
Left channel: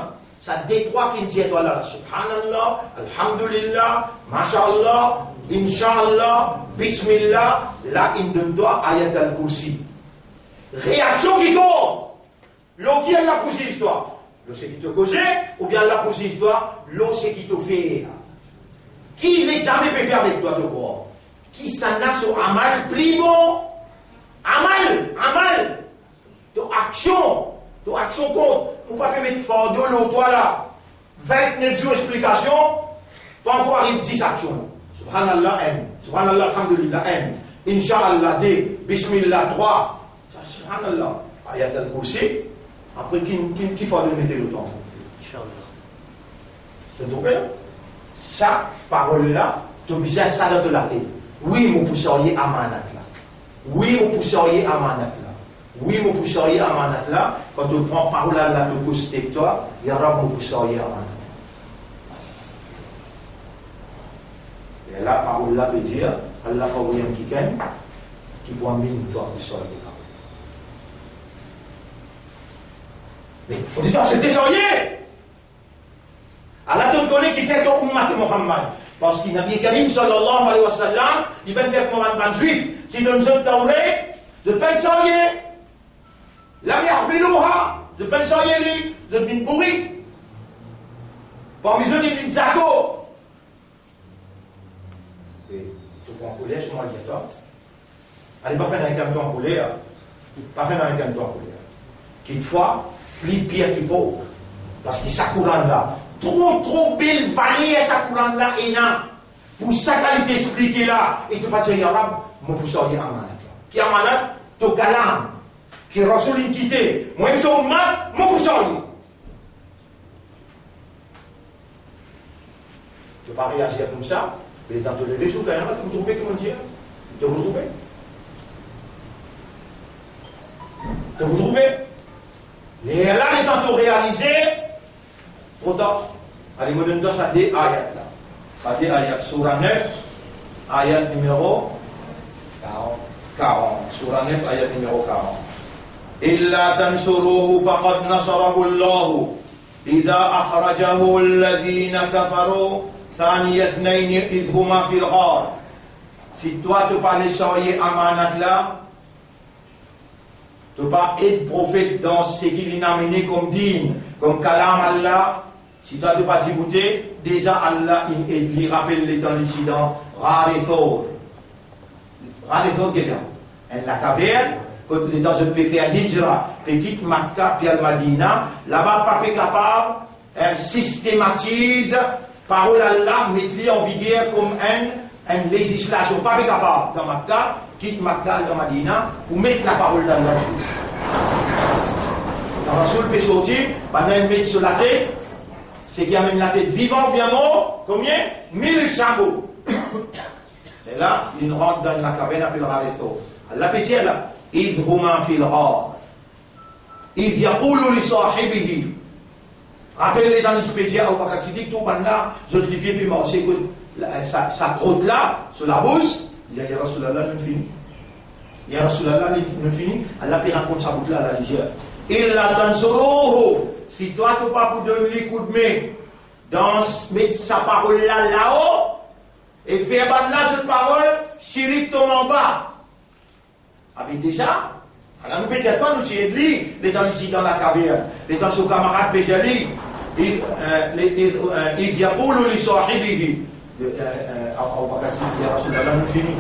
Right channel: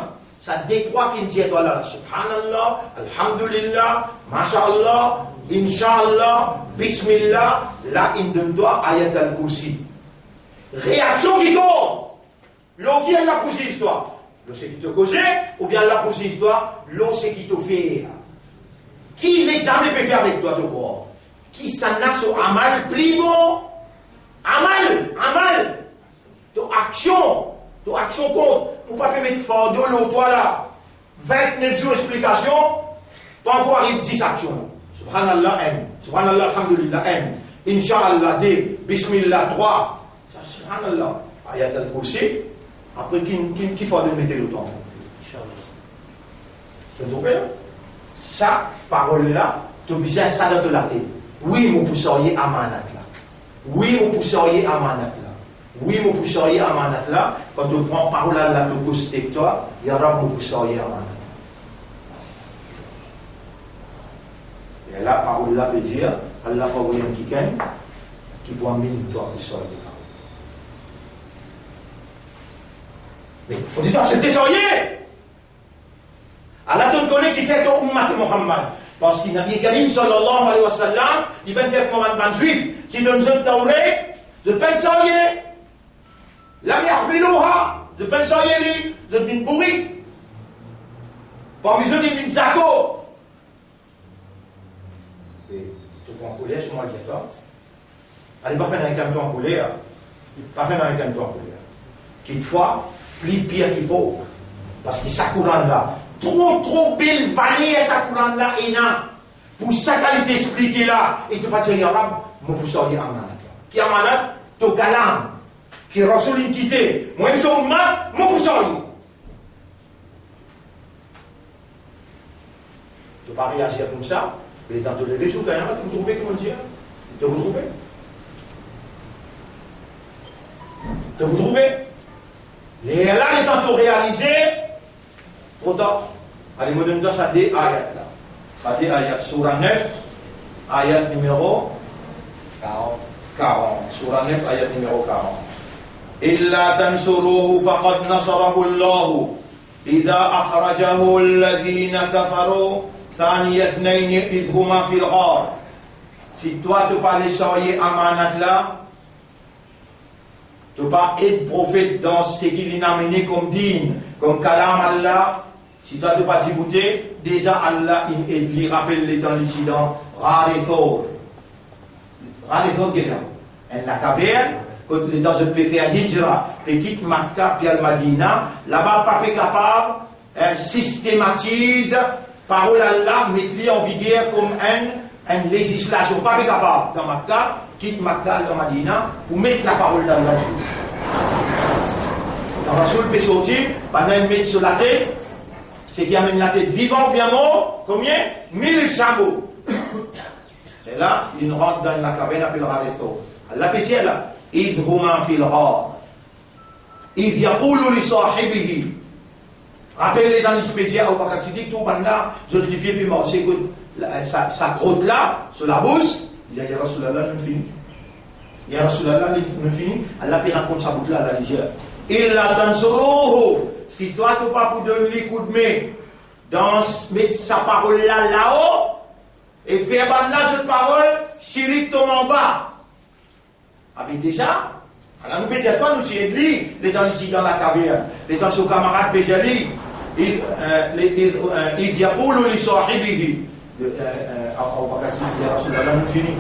Ça détroit qui dit toi là, subhanallah, alhamdulillah, mashallah, inshallah, bismillah, là, il donne toi ayat al-kursi. Réaction qui tombe. L'eau qui est la cousin histoire. L'eau c'est qui te cause, ou bien la cousin histoire, l'eau c'est qui te fait. Qui l'examen peut faire avec toi de quoi? Qui s'en a sur amal plus bon? Amal. Ton action compte. Vous ne pouvez pas mettre fort de l'eau, toi là. 29 jours d'explication, pas encore arrive 10 actions. Subhanallah, M. Subhanallah, alhamdulillah, M. Inch'Allah, D. Bismillah, 3. Subhanallah. Ayat al-Kursi. Après, qui faut de mettre le temps? Inch'Allah. Tu te trompes là? Ça, parole-là, tu as besoin de ça dans la tête. Oui, mon pousserier amanat là. Oui, mon pousserier amanat là. Oui, mon pousserier amanat là. Quand tu prends parole là, tu pousses avec toi, il y aura mon pousserier amanat. Et là, parole là veut dire, Allah va vous qui gagne, qui boit mine toi pousserier. Mais il faut dire, c'est tesorier. Allah te connaît qui fait ton ummat de Muhammad. Parce qu'il n'a bien Karim sallallahu alayhi wa sallam, il va faire comme un juif, qui donne ce tauré, de pensorier. La miahbilouha, de pensorier, de vin pourri. Parmi eux, des vin zako. Et tu prends un poulet, je m'en dis toi. Allez, pas faire un camion en poulet, pas faire un camion en poulet. Quelquefois, plus pire qu'il faut. Parce que ça courant là. Trop belle vallée sa courant là et là. Pour sa qualité expliquée là. Et tu vas dire, Yarab, mon pousseur dit amanat là. Qui amanat, to kalam. Qui rasoul une quitté. Moi, je suis ummat, mon pousseur dit. Tu ne peux pas réagir comme ça. Mais dans tous les réseaux, quand même, tu vous trouvez comment dire? Tu vous trouvez? Tu vous trouvez? Et là, les tantôt réalisés, trop tard. Allez, moi, donne-toi ça des ayats là. Ça des ayats. Surah 9, ayat numéro 40. Surah 9, ayat numéro 40. إلا تنصروه فقد نصره الله إذا أخرجه الذين كفروا ثاني اثنين إذ هما في الغار. Si toi tu pas les soyez amanat là, tu pas être prophète dans ce qu'il a amené comme din, comme kalam Allah. Si toi tu pas débouté, déjà Allah il rappelle les temps l'incident Rarithor. Rarithor Gela. En la caverne, quand les gens se peuvent faire hijra, petite Makkah puis al-Madina, là-bas pas capable systématise parole Allah, mettre en vigueur comme une législation, pas capable dans Makkah, quitte Makkah dans Madina, pour mettre la parole d'Allah. Dans Rasoul peut sortir, pendant une mettre sur la tête, c'est qui amène la tête vivant ou bien mort, combien? 1000 chameaux. Et là, il rentre dans la caverne appelée Rarithor. Allah peut dire là, إذ هما في الغار إذ يقول لصاحبه. Rappelez-les dans l'espédia au Bakar Siddiq, tout là, je dis pieds puis mort, c'est que ça crotte là, sur la bouche, il y a Rasulallah, nous fini. Il y a Rasulallah, nous fini, Allah peut raconter sa boucle là, à la légère. Illa tansuruhu, si toi tu pas pour donner les coups de main, mettre sa parole là, là-haut, et faire bandage de parole, Chirik tombe en bas. Ah mais déjà, alors nous peut-être pas nous tirer de lui, les temps ici dans la caverne, les temps sur camarade Péjali, il y a pour lui sahibihi, au Bakassi, il y a Rasulallah, nous fini.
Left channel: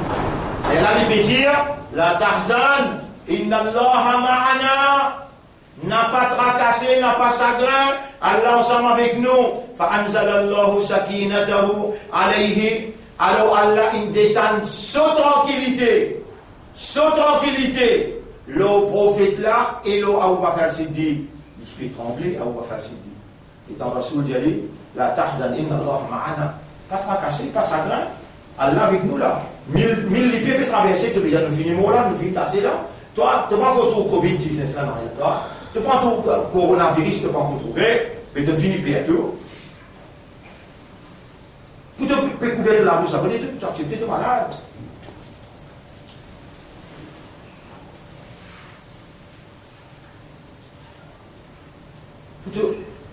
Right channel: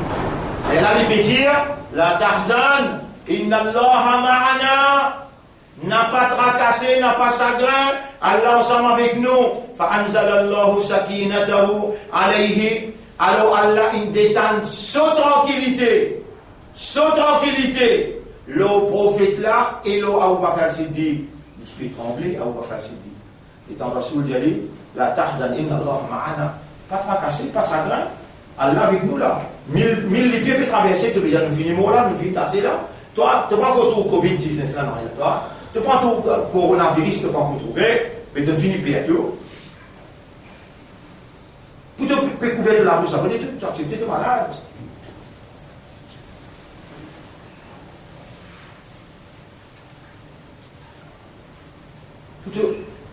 Et là, il peut dire, la tahzan, inna Allah ma'ana, n'a pas tracassé, n'a pas chagrin, Allah ensemble avec nous, fa'anzalallahu sakinatahu alayhi, alors Allah, il descend sans tranquillité. Sans tranquillité, le prophète là et le Abu Bakr Siddiq, il peut trembler, Abu Bakr Siddiq. Et dans Rasoul dit, la tahzan inna Allah ma'ana, pas tracassé, pas chagrin. Allah avec nous là. 1000 pieds peut traverser, tu peux dire, nous finissons là, nous finissons tasser là. Toi, tu prends tout Covid-19 là, non, toi. Tu prends tout coronavirus, tu prends tout trouver, mais tu finis bientôt. Pour te couvrir de la bouche, ça veut dire que tu acceptes de malade. Pour te,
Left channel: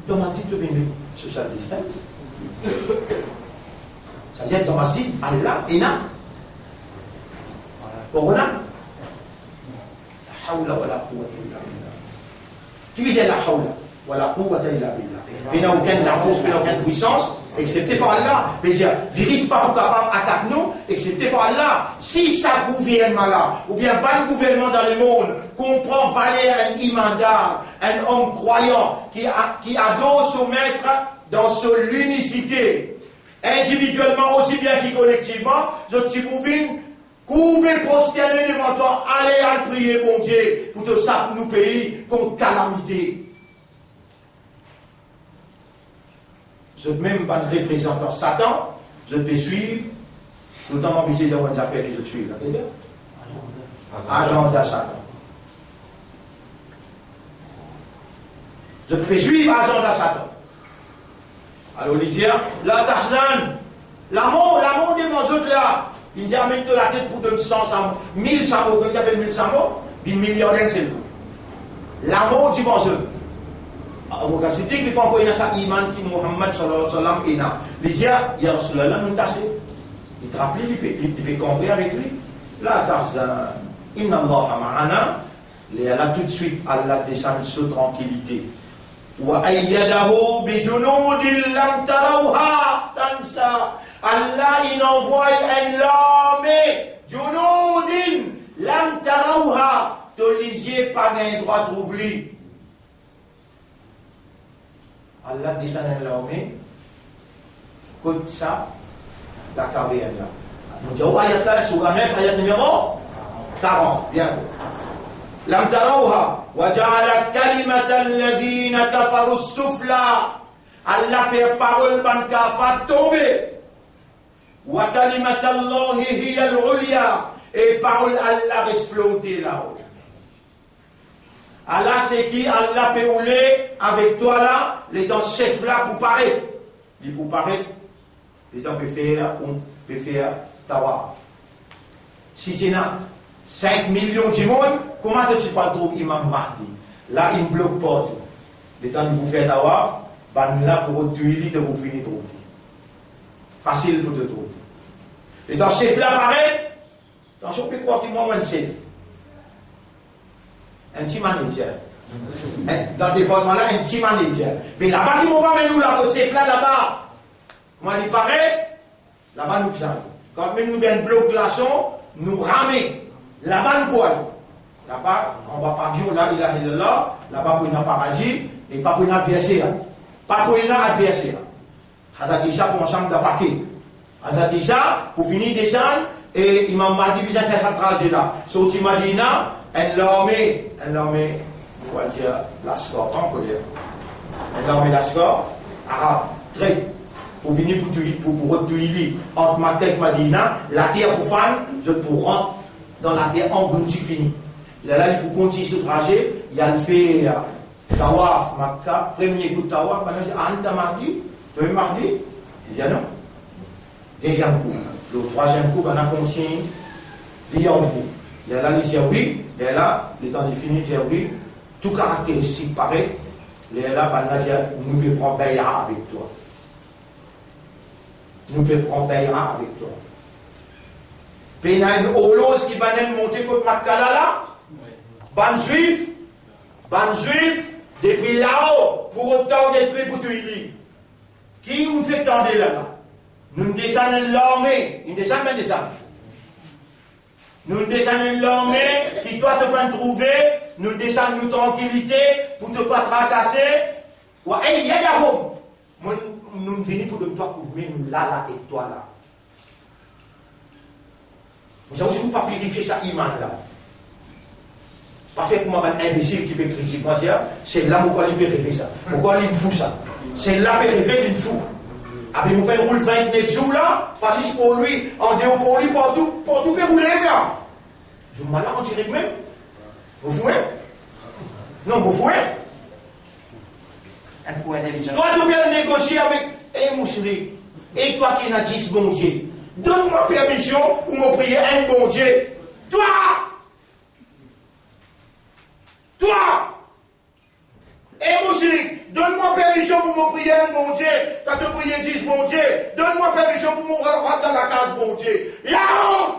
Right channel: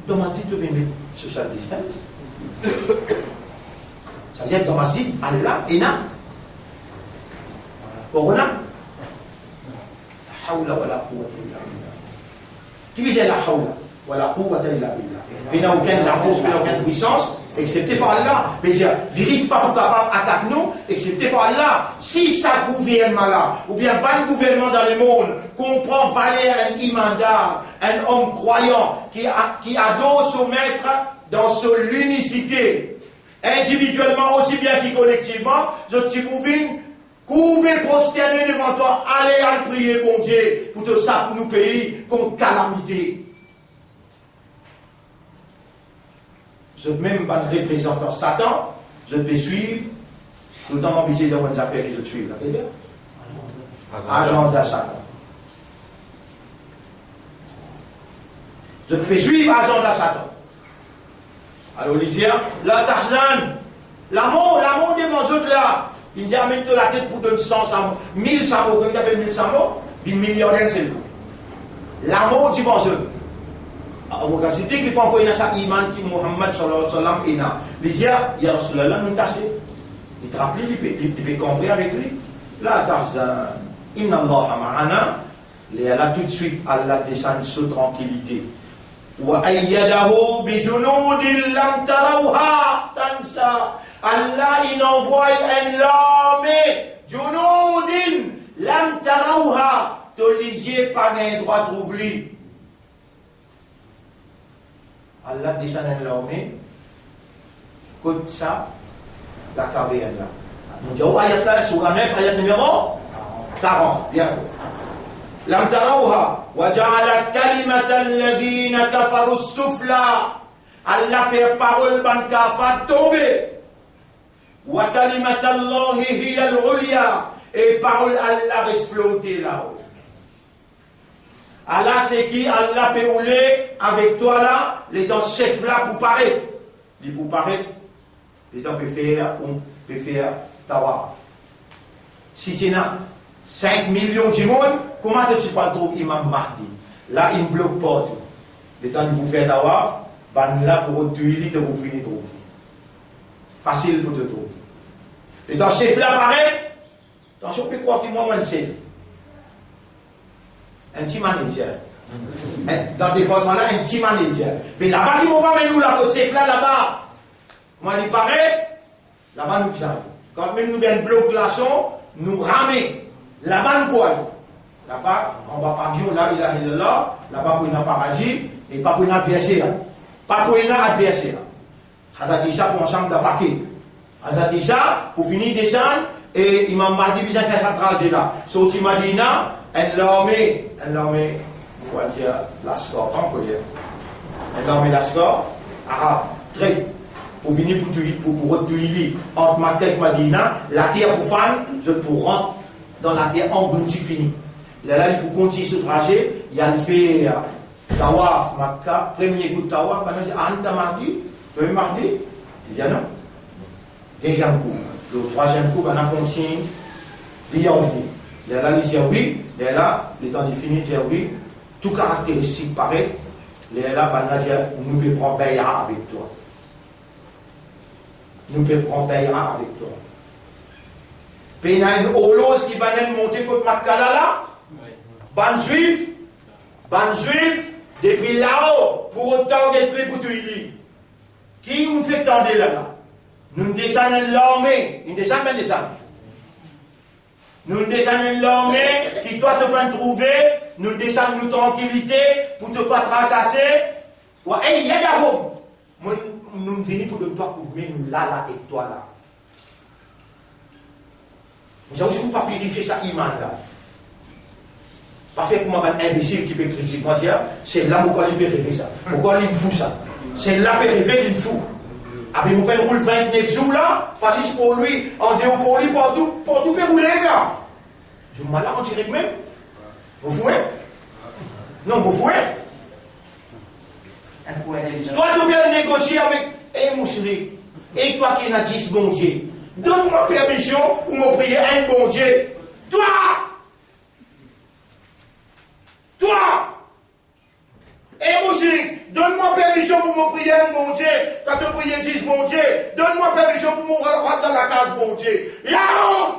dans ma vie, tu veux mettre social distance. Ça veut dire dans ma vie, Allah, Ena, Corona. La hawla wa la quwwata illa billah. Qui veut dire la hawla wa la quwwata illa billah? Mais il n'y a aucune force, il n'y a aucune puissance, excepté par Allah. Mais il virus pas pour capable attaquer nous, excepté par Allah. Si ça gouvernement là, ou bien pas le gouvernement dans le monde, comprend valer un imandar, un homme croyant, qui adore son maître dans son unicité, individuellement aussi bien que collectivement, je te pouvais couper, prosterner devant toi, aller à prier, bon Dieu, pour te saper nous pays contre calamité. Je même pas de représentant Satan, je peux suivre, tout le temps m'empêcher dans mes affaires que je suis là. Agenda Satan. Je peux suivre agenda Satan. Alors, il dit, la Tarzan, l'amour devant eux là, il dit, amène-toi la tête pour donner 100 samots, 1000 samots, comme il appelle 1000 samots, puis millionnaire, c'est le coup. L'amour devant eux. Alors, c'est dit qu'il n'y a pas encore un iman qui Muhammad sallallahu alayhi wa sallam est là. Il dit, il y a Rasulallah, nous tassé. Il te rappelle, il peut comprendre avec lui. La Tarzan, inna Allah ma'ana, il y a là tout de suite, Allah descend sous tranquillité. وَأَيَّدَهُ بِجُنُودٍ لَمْ تَرَوْهَا تَنْسَى. Allah il envoie un armée جُنُودٍ لَمْ تَرَوْهَا. Tu lisiez pas d'un droit trouvé. Allah descend un armée comme ça la carrière là. Nous disons ayat là sur la 9 ayat numéro 40. Bien. لم تروها وجعل كلمة الذين كفروا السفلى. Allah fait parole ban kafar tomber. وكلمة الله هي العليا. Et parole Allah reste flotter là-haut. Allah c'est qui Allah peut rouler avec toi là, les dents chef là pour paraître. Il pour paraître, les dents peut faire tawaf. Si c'est là 5 millions de monde, comment tu peux trouver Imam Mahdi? Là, il ne bloque pas tout. Le temps de vous faire tawaf, ben là, pour tuer, de vous finir trouver. Facile pour te trouver. Et dans chef là, pareil, attention, on peut croire que moi, un chef. Un petit manager. Dans le département là, un petit manager. Mais là-bas, ils vont pas nous là, notre chef là-bas. Moi, il paraît, là-bas, nous sommes. Quand même, nous avons un bloc glaçon, nous ramène. Là-bas, nous quoi? Là-bas, on va pavillon, là, il a là, là-bas, pour un paradis, et pas pour un adversaire. Pas pour un adversaire. Hadati ça pour ensemble d'attaquer. Hadati ça, pour finir descendre, et Imam Mahdi, il a fait un trajet là. Sauti Madina, l'armée, on va dire, l'ascor, on peut dire. L'armée l'ascor, arabe, très. Pour venir pour retuer entre Makkah et Madina, la terre profane, je pour rentrer dans la terre engloutie finie. Là, il pour continuer ce trajet, il a fait Tawaf, Makkah, premier coup de Tawaf, il dit, Anta Mahdi, tu es Mahdi? Il dit, non. Deuxième coup. Le troisième coup, on a continué, il y a oublié. Là, il dit, oui, là, le temps de finir, il dit, oui, tout caractéristique pareil, là, nous pouvons prendre Bayra avec toi. Nous pouvons prendre Bayra avec toi. Puis il y a une holose qui va monter contre Makkala là. Ban juif, depuis là-haut, pour autant d'être pour tout il. Qui nous fait tendre là-bas? Nous descendons l'armée, nous descendons. Nous descendons l'armée qui toi te peux trouver, nous descendons nous tranquillité pour te pas tracasser. Ouais, il y a des nous venons pour donner toi pour nous là et toi là. Vous avez aussi pas vérifier ça iman là. Pas fait comme un imbécile qui peut critiquer moi dire, c'est là pourquoi il peut rêver ça. Pourquoi il me fout ça. C'est là qu'il peut rêver, il me fout. Ah, mais mon père roule 29 jours là, parce que pour lui, en déo pour lui, pour tout peut rouler là. Je me malade en direct même. Vous fouez? Non, vous fouez? Toi, tu viens négocier avec. Eh, mon chéri, et toi qui n'as 10 bon Dieu, donne-moi permission pour me prier un bon Dieu. Toi! Eh, mon chéri, donne-moi permission pour me prier un bon Dieu. Quand tu pries 10 bon Dieu, donne-moi permission pour me rentrer dans la case bon Dieu. Là-haut!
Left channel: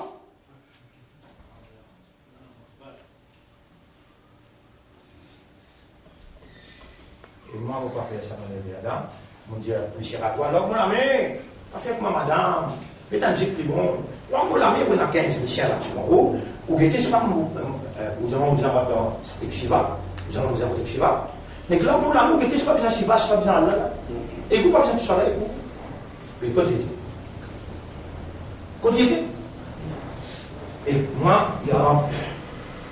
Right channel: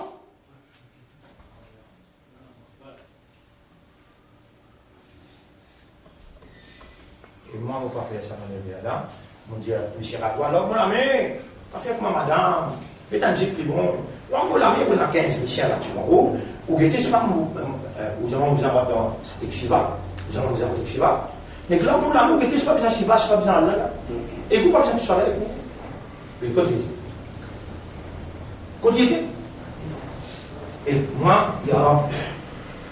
Et moi, je ne vais pas faire ça dans les là. Mon Dieu, monsieur Ratoire, là, mon ami, pas faire avec ma madame. Mais t'as dit plus bon. Là, mon ami, on a 15 Michel là, tu vois. Ou guettez, c'est pas vous allons vous avoir dans Exiva. Vous allons vous avoir Exiva. Mais là, mon ami, ou guettez, c'est pas besoin de Siva, c'est pas besoin de là. Et vous, pas besoin de ça là, et vous. Mais quand il était. Et moi, il y a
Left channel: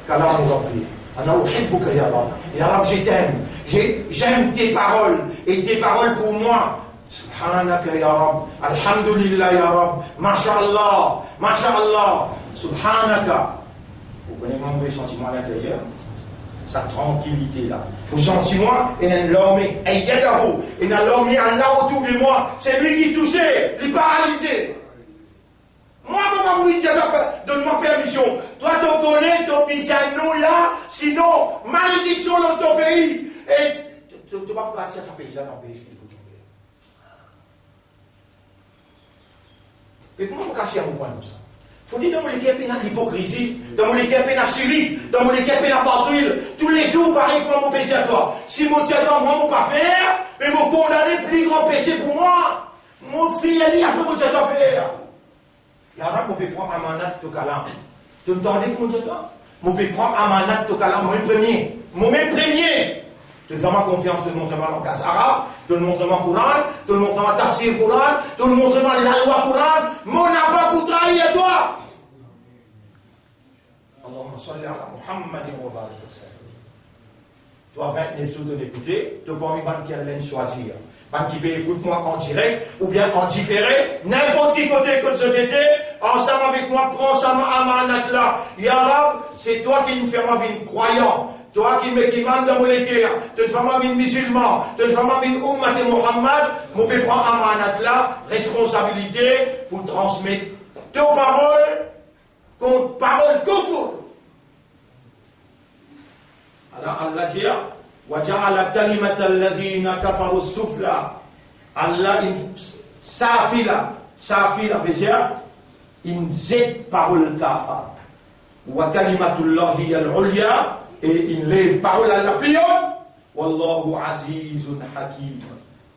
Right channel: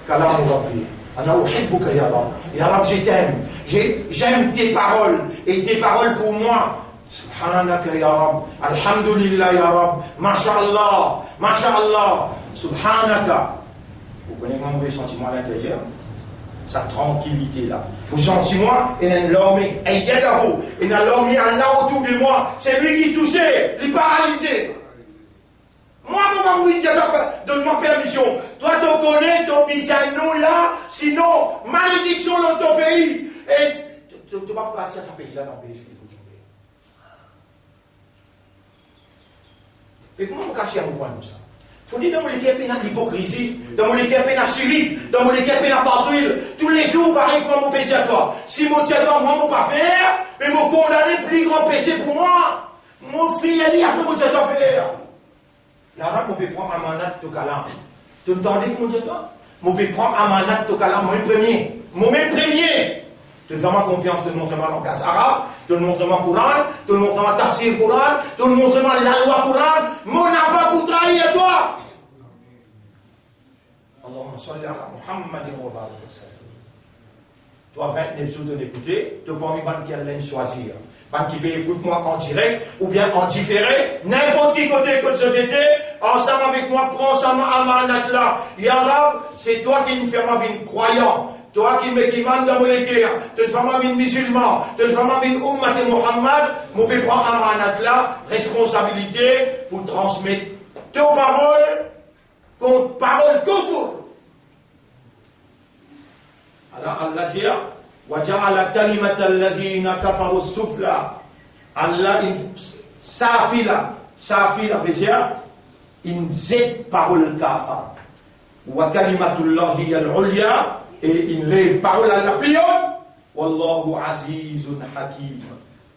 Kalam Rabbi. Ana uhibbuka ya Rab. Ya Rab, je t'aime. J'aime tes paroles. Et tes paroles pour moi. Subhanaka ya Rab. Alhamdulillah ya Rab. Masha'Allah. Masha'Allah. Subhanaka. Vous connaissez mon sentiment à l'intérieur? Sa tranquillité là. Vous sentez moi? Et l'homme est yadahu. Et l'homme est Allah autour de moi. C'est lui qui touchait. Il est paralysé. Moi, donne-moi permission. Toi, tu connais ton bisanou là, sinon, malédiction dans ton pays. Et tu ne vas pas partir à ce pays-là dans le pays. Et comment vous cachez à mon point comme ça? Il faut dire dans mon équipe, il y a l'hypocrisie, dans mon équipe, il y a la Syrie, dans mon équipe, il y a partout. Tous les jours, pareil, comment mon péché à toi. Si mon Dieu à toi, moi, je ne vais pas faire, mais mon condamné, plus grand péché pour moi. Mon fils, il a dit, après, mon Dieu à toi faire. Il y en a qui peuvent prendre un mandat de Tokalam. Tu entendais que mon Dieu toi? Je peux prendre un mandat de Tokalam, moi le premier. Moi-même premier. Tu te fais ma confiance, tu te montres ma langage arabe, tu te montres ma Coran, tu te montres ma tafsir Coran, tu te montres ma la loi Coran. Mon abba pour trahir à toi. Allahumma salli ala Muhammadin wa barik wa sallam. Toi, 29 jours de l'écouter, tu n'as pas envie de qu'elle choisir. Ban qui peut écouter-moi en direct ou bien en différé, n'importe qui côté que je t'étais, ensemble avec moi, prends ça à ma là. Ya Rab, c'est toi qui me fais ma vie croyant, toi qui me mande dans mon équerre, tu te fais ma vie musulman, tu te fais ma vie Ummat et Muhammad, moi je prends à ma là, responsabilité pour transmettre tes paroles contre parole kufur. Alors Allah dit, وجعل كلمة الذين كفروا السفلى Allah safila beja in zed parole kafa wa kalimatullahi hiya al-ulya et in lève parole à la plus haute wallahu azizun hakim.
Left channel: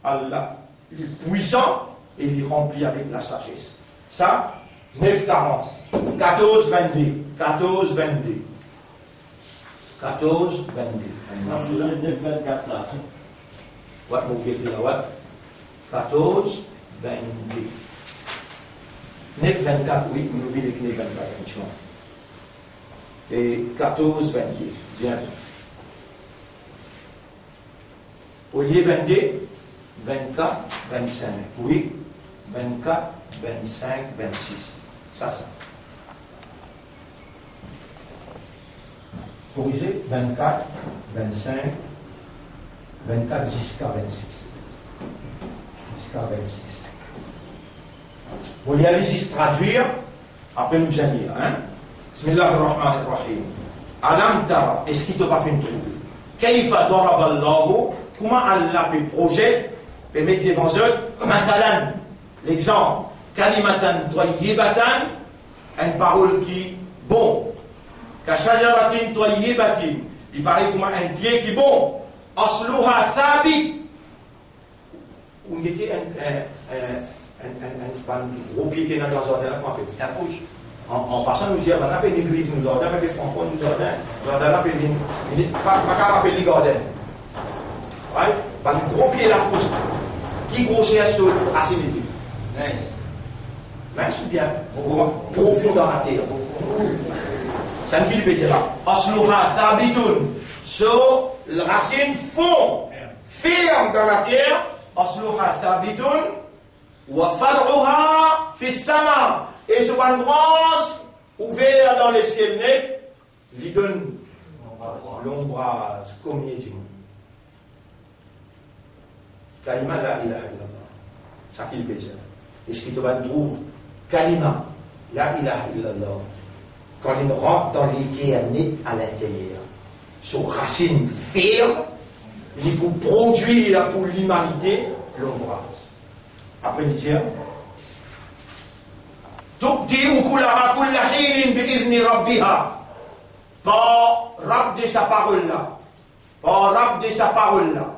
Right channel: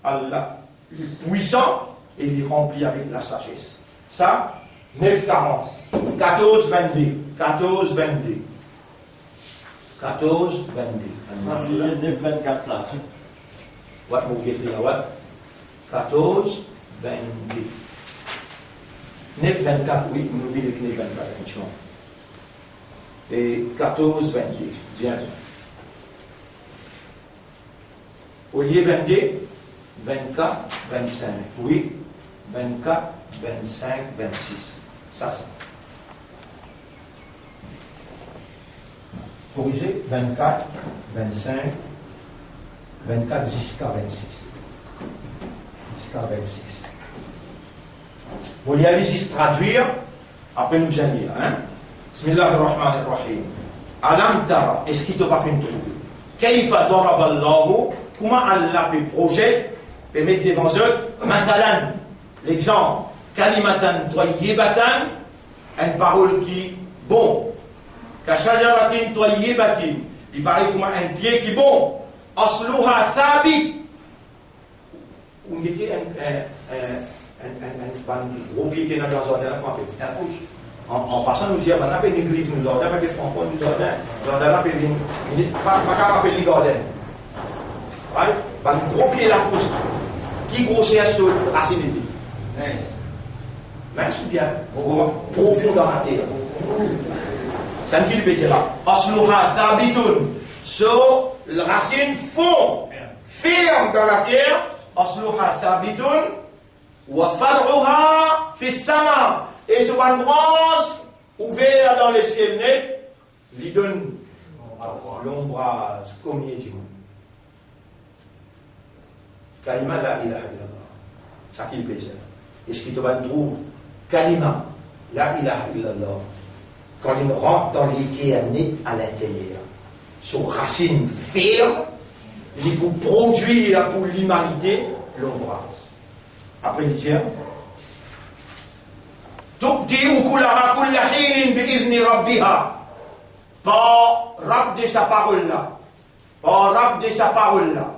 Allah il est puissant et il est rempli avec la sagesse. Ça 9:40 14:22 14:22 9:24 là. What vous écrivez là, what? 14:22. 9:24, oui, nous vivons avec 9:24, et 14:22, bien. Au lieu 22, 24, 25, oui, 24, 25, 26. Ça. Corriger 24, 25, 24 jusqu'à 26. Jusqu'à 26. Vous y allez ici traduire, après nous allons lire. Hein? Bismillahirrahmanirrahim. Alam tara, est-ce qu'il t'a pas fait une trouve? Kaifa daraballahu, comment Allah peut projet, peut mettre devant eux, matalan, l'exemple, kalimatan toyibatan, une parole qui bon. Kashajaratin toyibatin, il paraît comme un pied qui bon. Asluha thabit. On était un gros pied qui est dans le jardin, qu'on appelle la couche. En passant, nous disons, on appelle l'église, nous ordonnons, on appelle Franco, nous ordonnons, on appelle pas appeler les gardens. Ouais, un gros pied la fausse. Qui grossir sur la racine. Merci bien. Profond dans la terre. Ça ne dit le là. Asluha thabitun. So, la racine fond, ferme dans la terre. Asluha thabitun. Wa far'uha fi sama. Et ce ban branche ouvert dans les ciels net, lui donne l'ombrage, comme il dit. Kalima la ilaha illallah. Ça qu'il peut dire. Et ce qui te va trouver, Kalima la ilaha illallah. Quand il rentre dans l'Ikea net à l'intérieur, sur racine ferme, il peut produire pour l'humanité l'ombrage. Après, il dit, تُبْدِئُ كُلَّهَا كُلَّ حِينٍ بِإِذْنِ رَبِّهَا. Par Rab de sa parole là. Par Rab de sa parole là.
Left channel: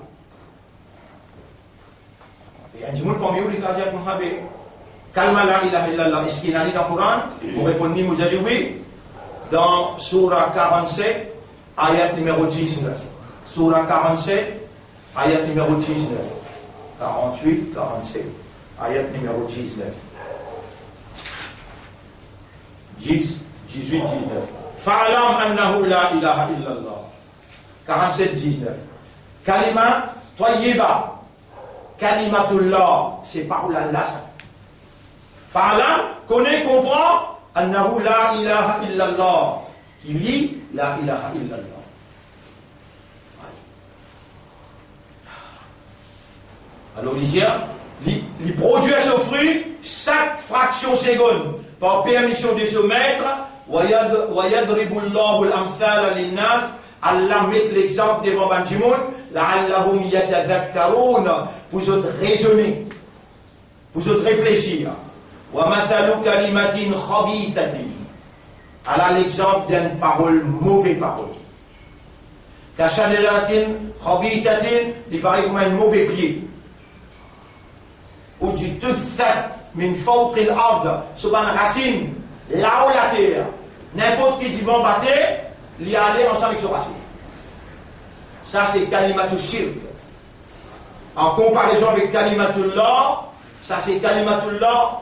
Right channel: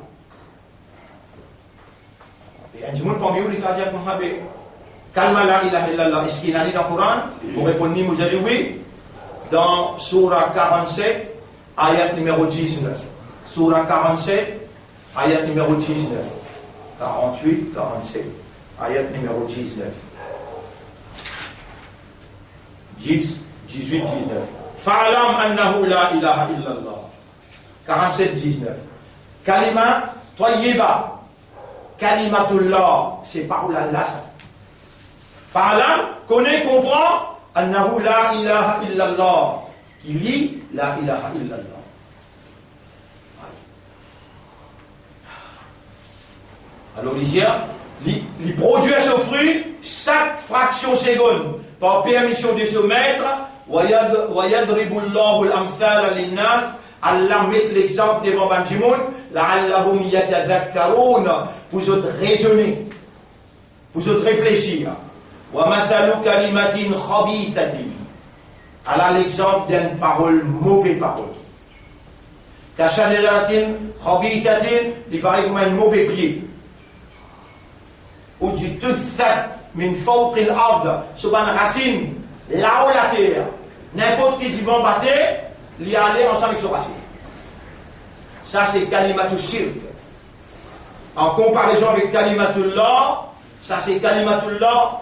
Et un monde parmi vous, les cas pour Habé. Kalma la ilaha illallah. Est-ce qu'il y a dans le Coran? Vous répondez, vous avez dit oui. Dans Surah 47, ayat numéro 19. Surah 47, ayat numéro 19. 48, 47, ayat numéro 19. 10, 18, 19. Fa'alam annahu la ilaha illallah. 47, 19. Kalima tayyiba. Kalimatullah. C'est parole Allah ça. Fa'alam, connaît, comprend. Annahu la ilaha illallah. Qui lit la ilaha illallah. Alors, il produit ce fruit chaque fraction seconde par permission de ce maître. Allah met l'exemple devant Banjimoun. La'allahum yatadhakkaroun. Pour autres raisonner. Pour autres réfléchir. Wa mathalu kalimatin khabithatin. Allah l'exemple d'une parole, mauvaise parole. Kashaderatin khabithatin. Il paraît comme un mauvais pied. Ou du tuthat min fawq al-ard, sur une racine là où la terre, n'importe qui va battre, il y aller ensemble avec ce racine. Ça c'est kalimatul shirk. En comparaison avec kalimatullah, ça c'est kalimatullah.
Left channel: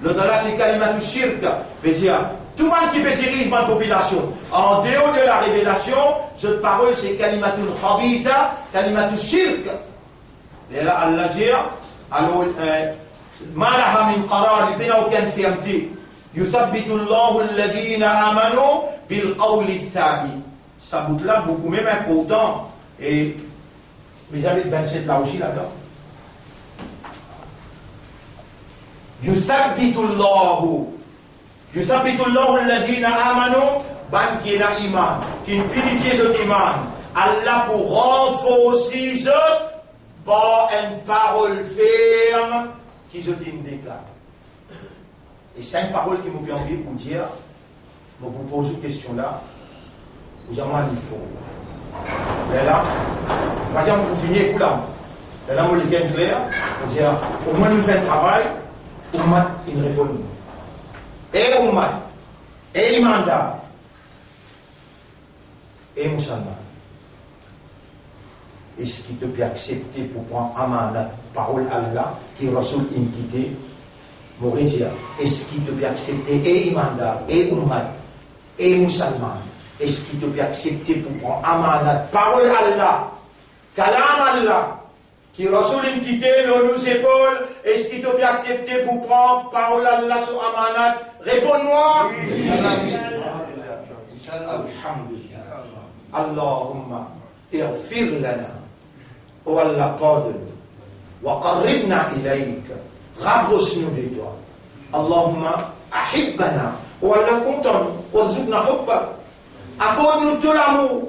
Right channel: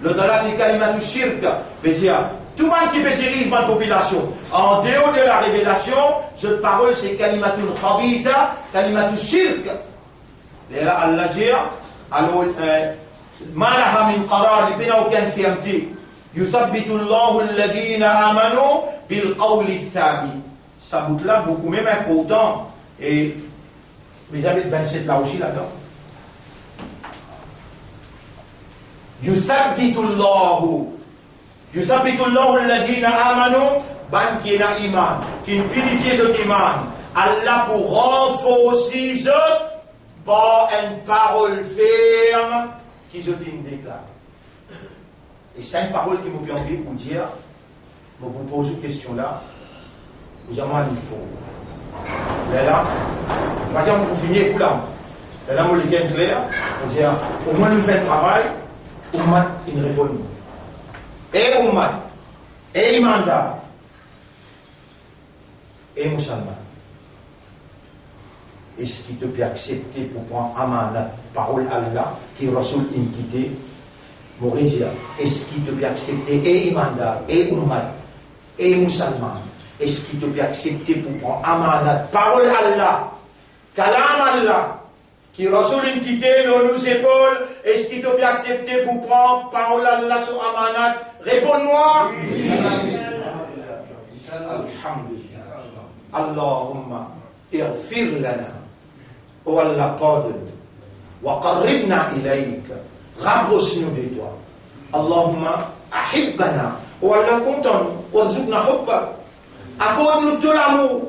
Le dollar c'est kalimatul shirk. Veut dire tout le monde qui peut diriger ma population en dehors de la révélation, cette parole c'est kalimatul khabitha, kalimatul shirk. Et là Allah dit alors, ما لها من قرار لبنا وكان في أمتي يثبت الله الذين آمنوا بالقول الثابت. Ça bout là beaucoup même important. Et mes amis de 27 là aussi là-dedans. يثبت الله الذين آمنوا ban qui est dans l'iman, qui purifie ce iman. Allah pour renforcer ce par une parole ferme qui je déclare. Et 5 paroles qui m'ont permis pour dire, je vous pose une question là, vous avez un faut. Mais là, par exemple, vous finissez pour là. Mais là, vous le gagnez clair, vous dire, au moins nous faisons un travail, au moins il répond. Et au moins, et imandar, et musulman. Est-ce qu'il te peut accepter pour prendre amanat, parole Allah, qui Rasoul inquité, Mourizia, est-ce qu'il te peut accepter, et imandar, et ummat, et musulman, est-ce qu'il te peut accepter pour prendre amanat, parole Allah, kalam Allah, qui Rasoul inquité, l'eau nous épaule, est-ce qu'il te peut accepter pour prendre parole Allah sur amanat? Réponds-moi. Oui. Alhamdulillah. Allahumma, irfir lana. Oh Allah, pardonne-nous. Wa qarribna ilayk. Rapproche-nous de toi. Allahumma, ahibbana. Oh Allah, content-nous. Warzuqna hubbak. Accorde-nous tout l'amour.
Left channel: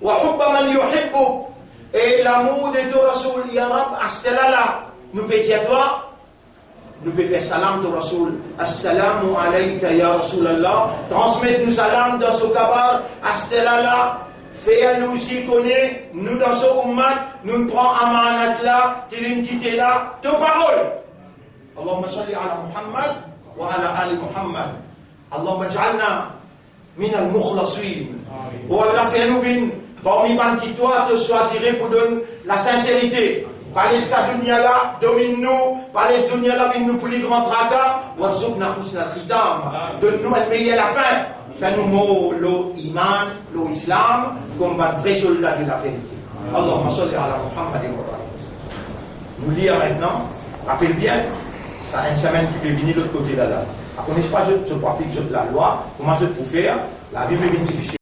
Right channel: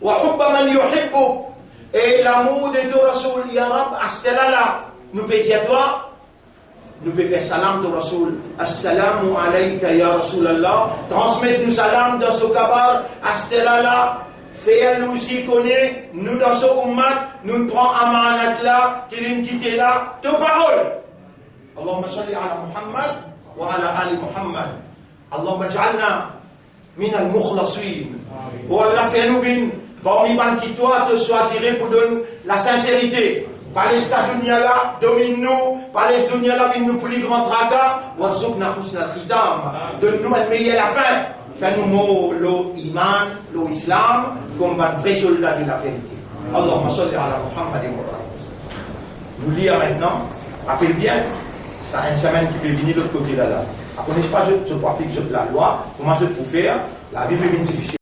Wa hubba man yuhibbuk. Et l'amour de ton Rasoul, Ya Rab, astelala. Nous peut dire toi. Nous pouvons faire salam ton Rasoul. Assalamu alayka ya Rasulallah. Transmettez-nous salam dans ce kabar. Astelala. Fais-nous aussi connaître, nous dans ce ummat, nous prenons amanat là, qui nous quitte là, tes paroles. Allahumma salli ala Muhammad wa ala ali Muhammad. Allahumma ja'alna min al-mukhlasin. Oh Allah, fais-nous venir, parmi les qui toi te choisirais pour donner la sincérité. Parlez sa dunya là, domine-nous, parlez sa dunya là, nous plus grand tracas, warzuqna husna al-khitam. Donne-nous un meilleur la fin. Fais-nous l'iman, l'islam, comme un vrai soldat de la vérité. Allahumma salli ala Muhammad wa barik. Nous lisons maintenant, appelle bien, ça une semaine qui peut venir de l'autre côté là. À connaître pas, je crois que je la loi, comment je peux faire, la vie peut être difficile.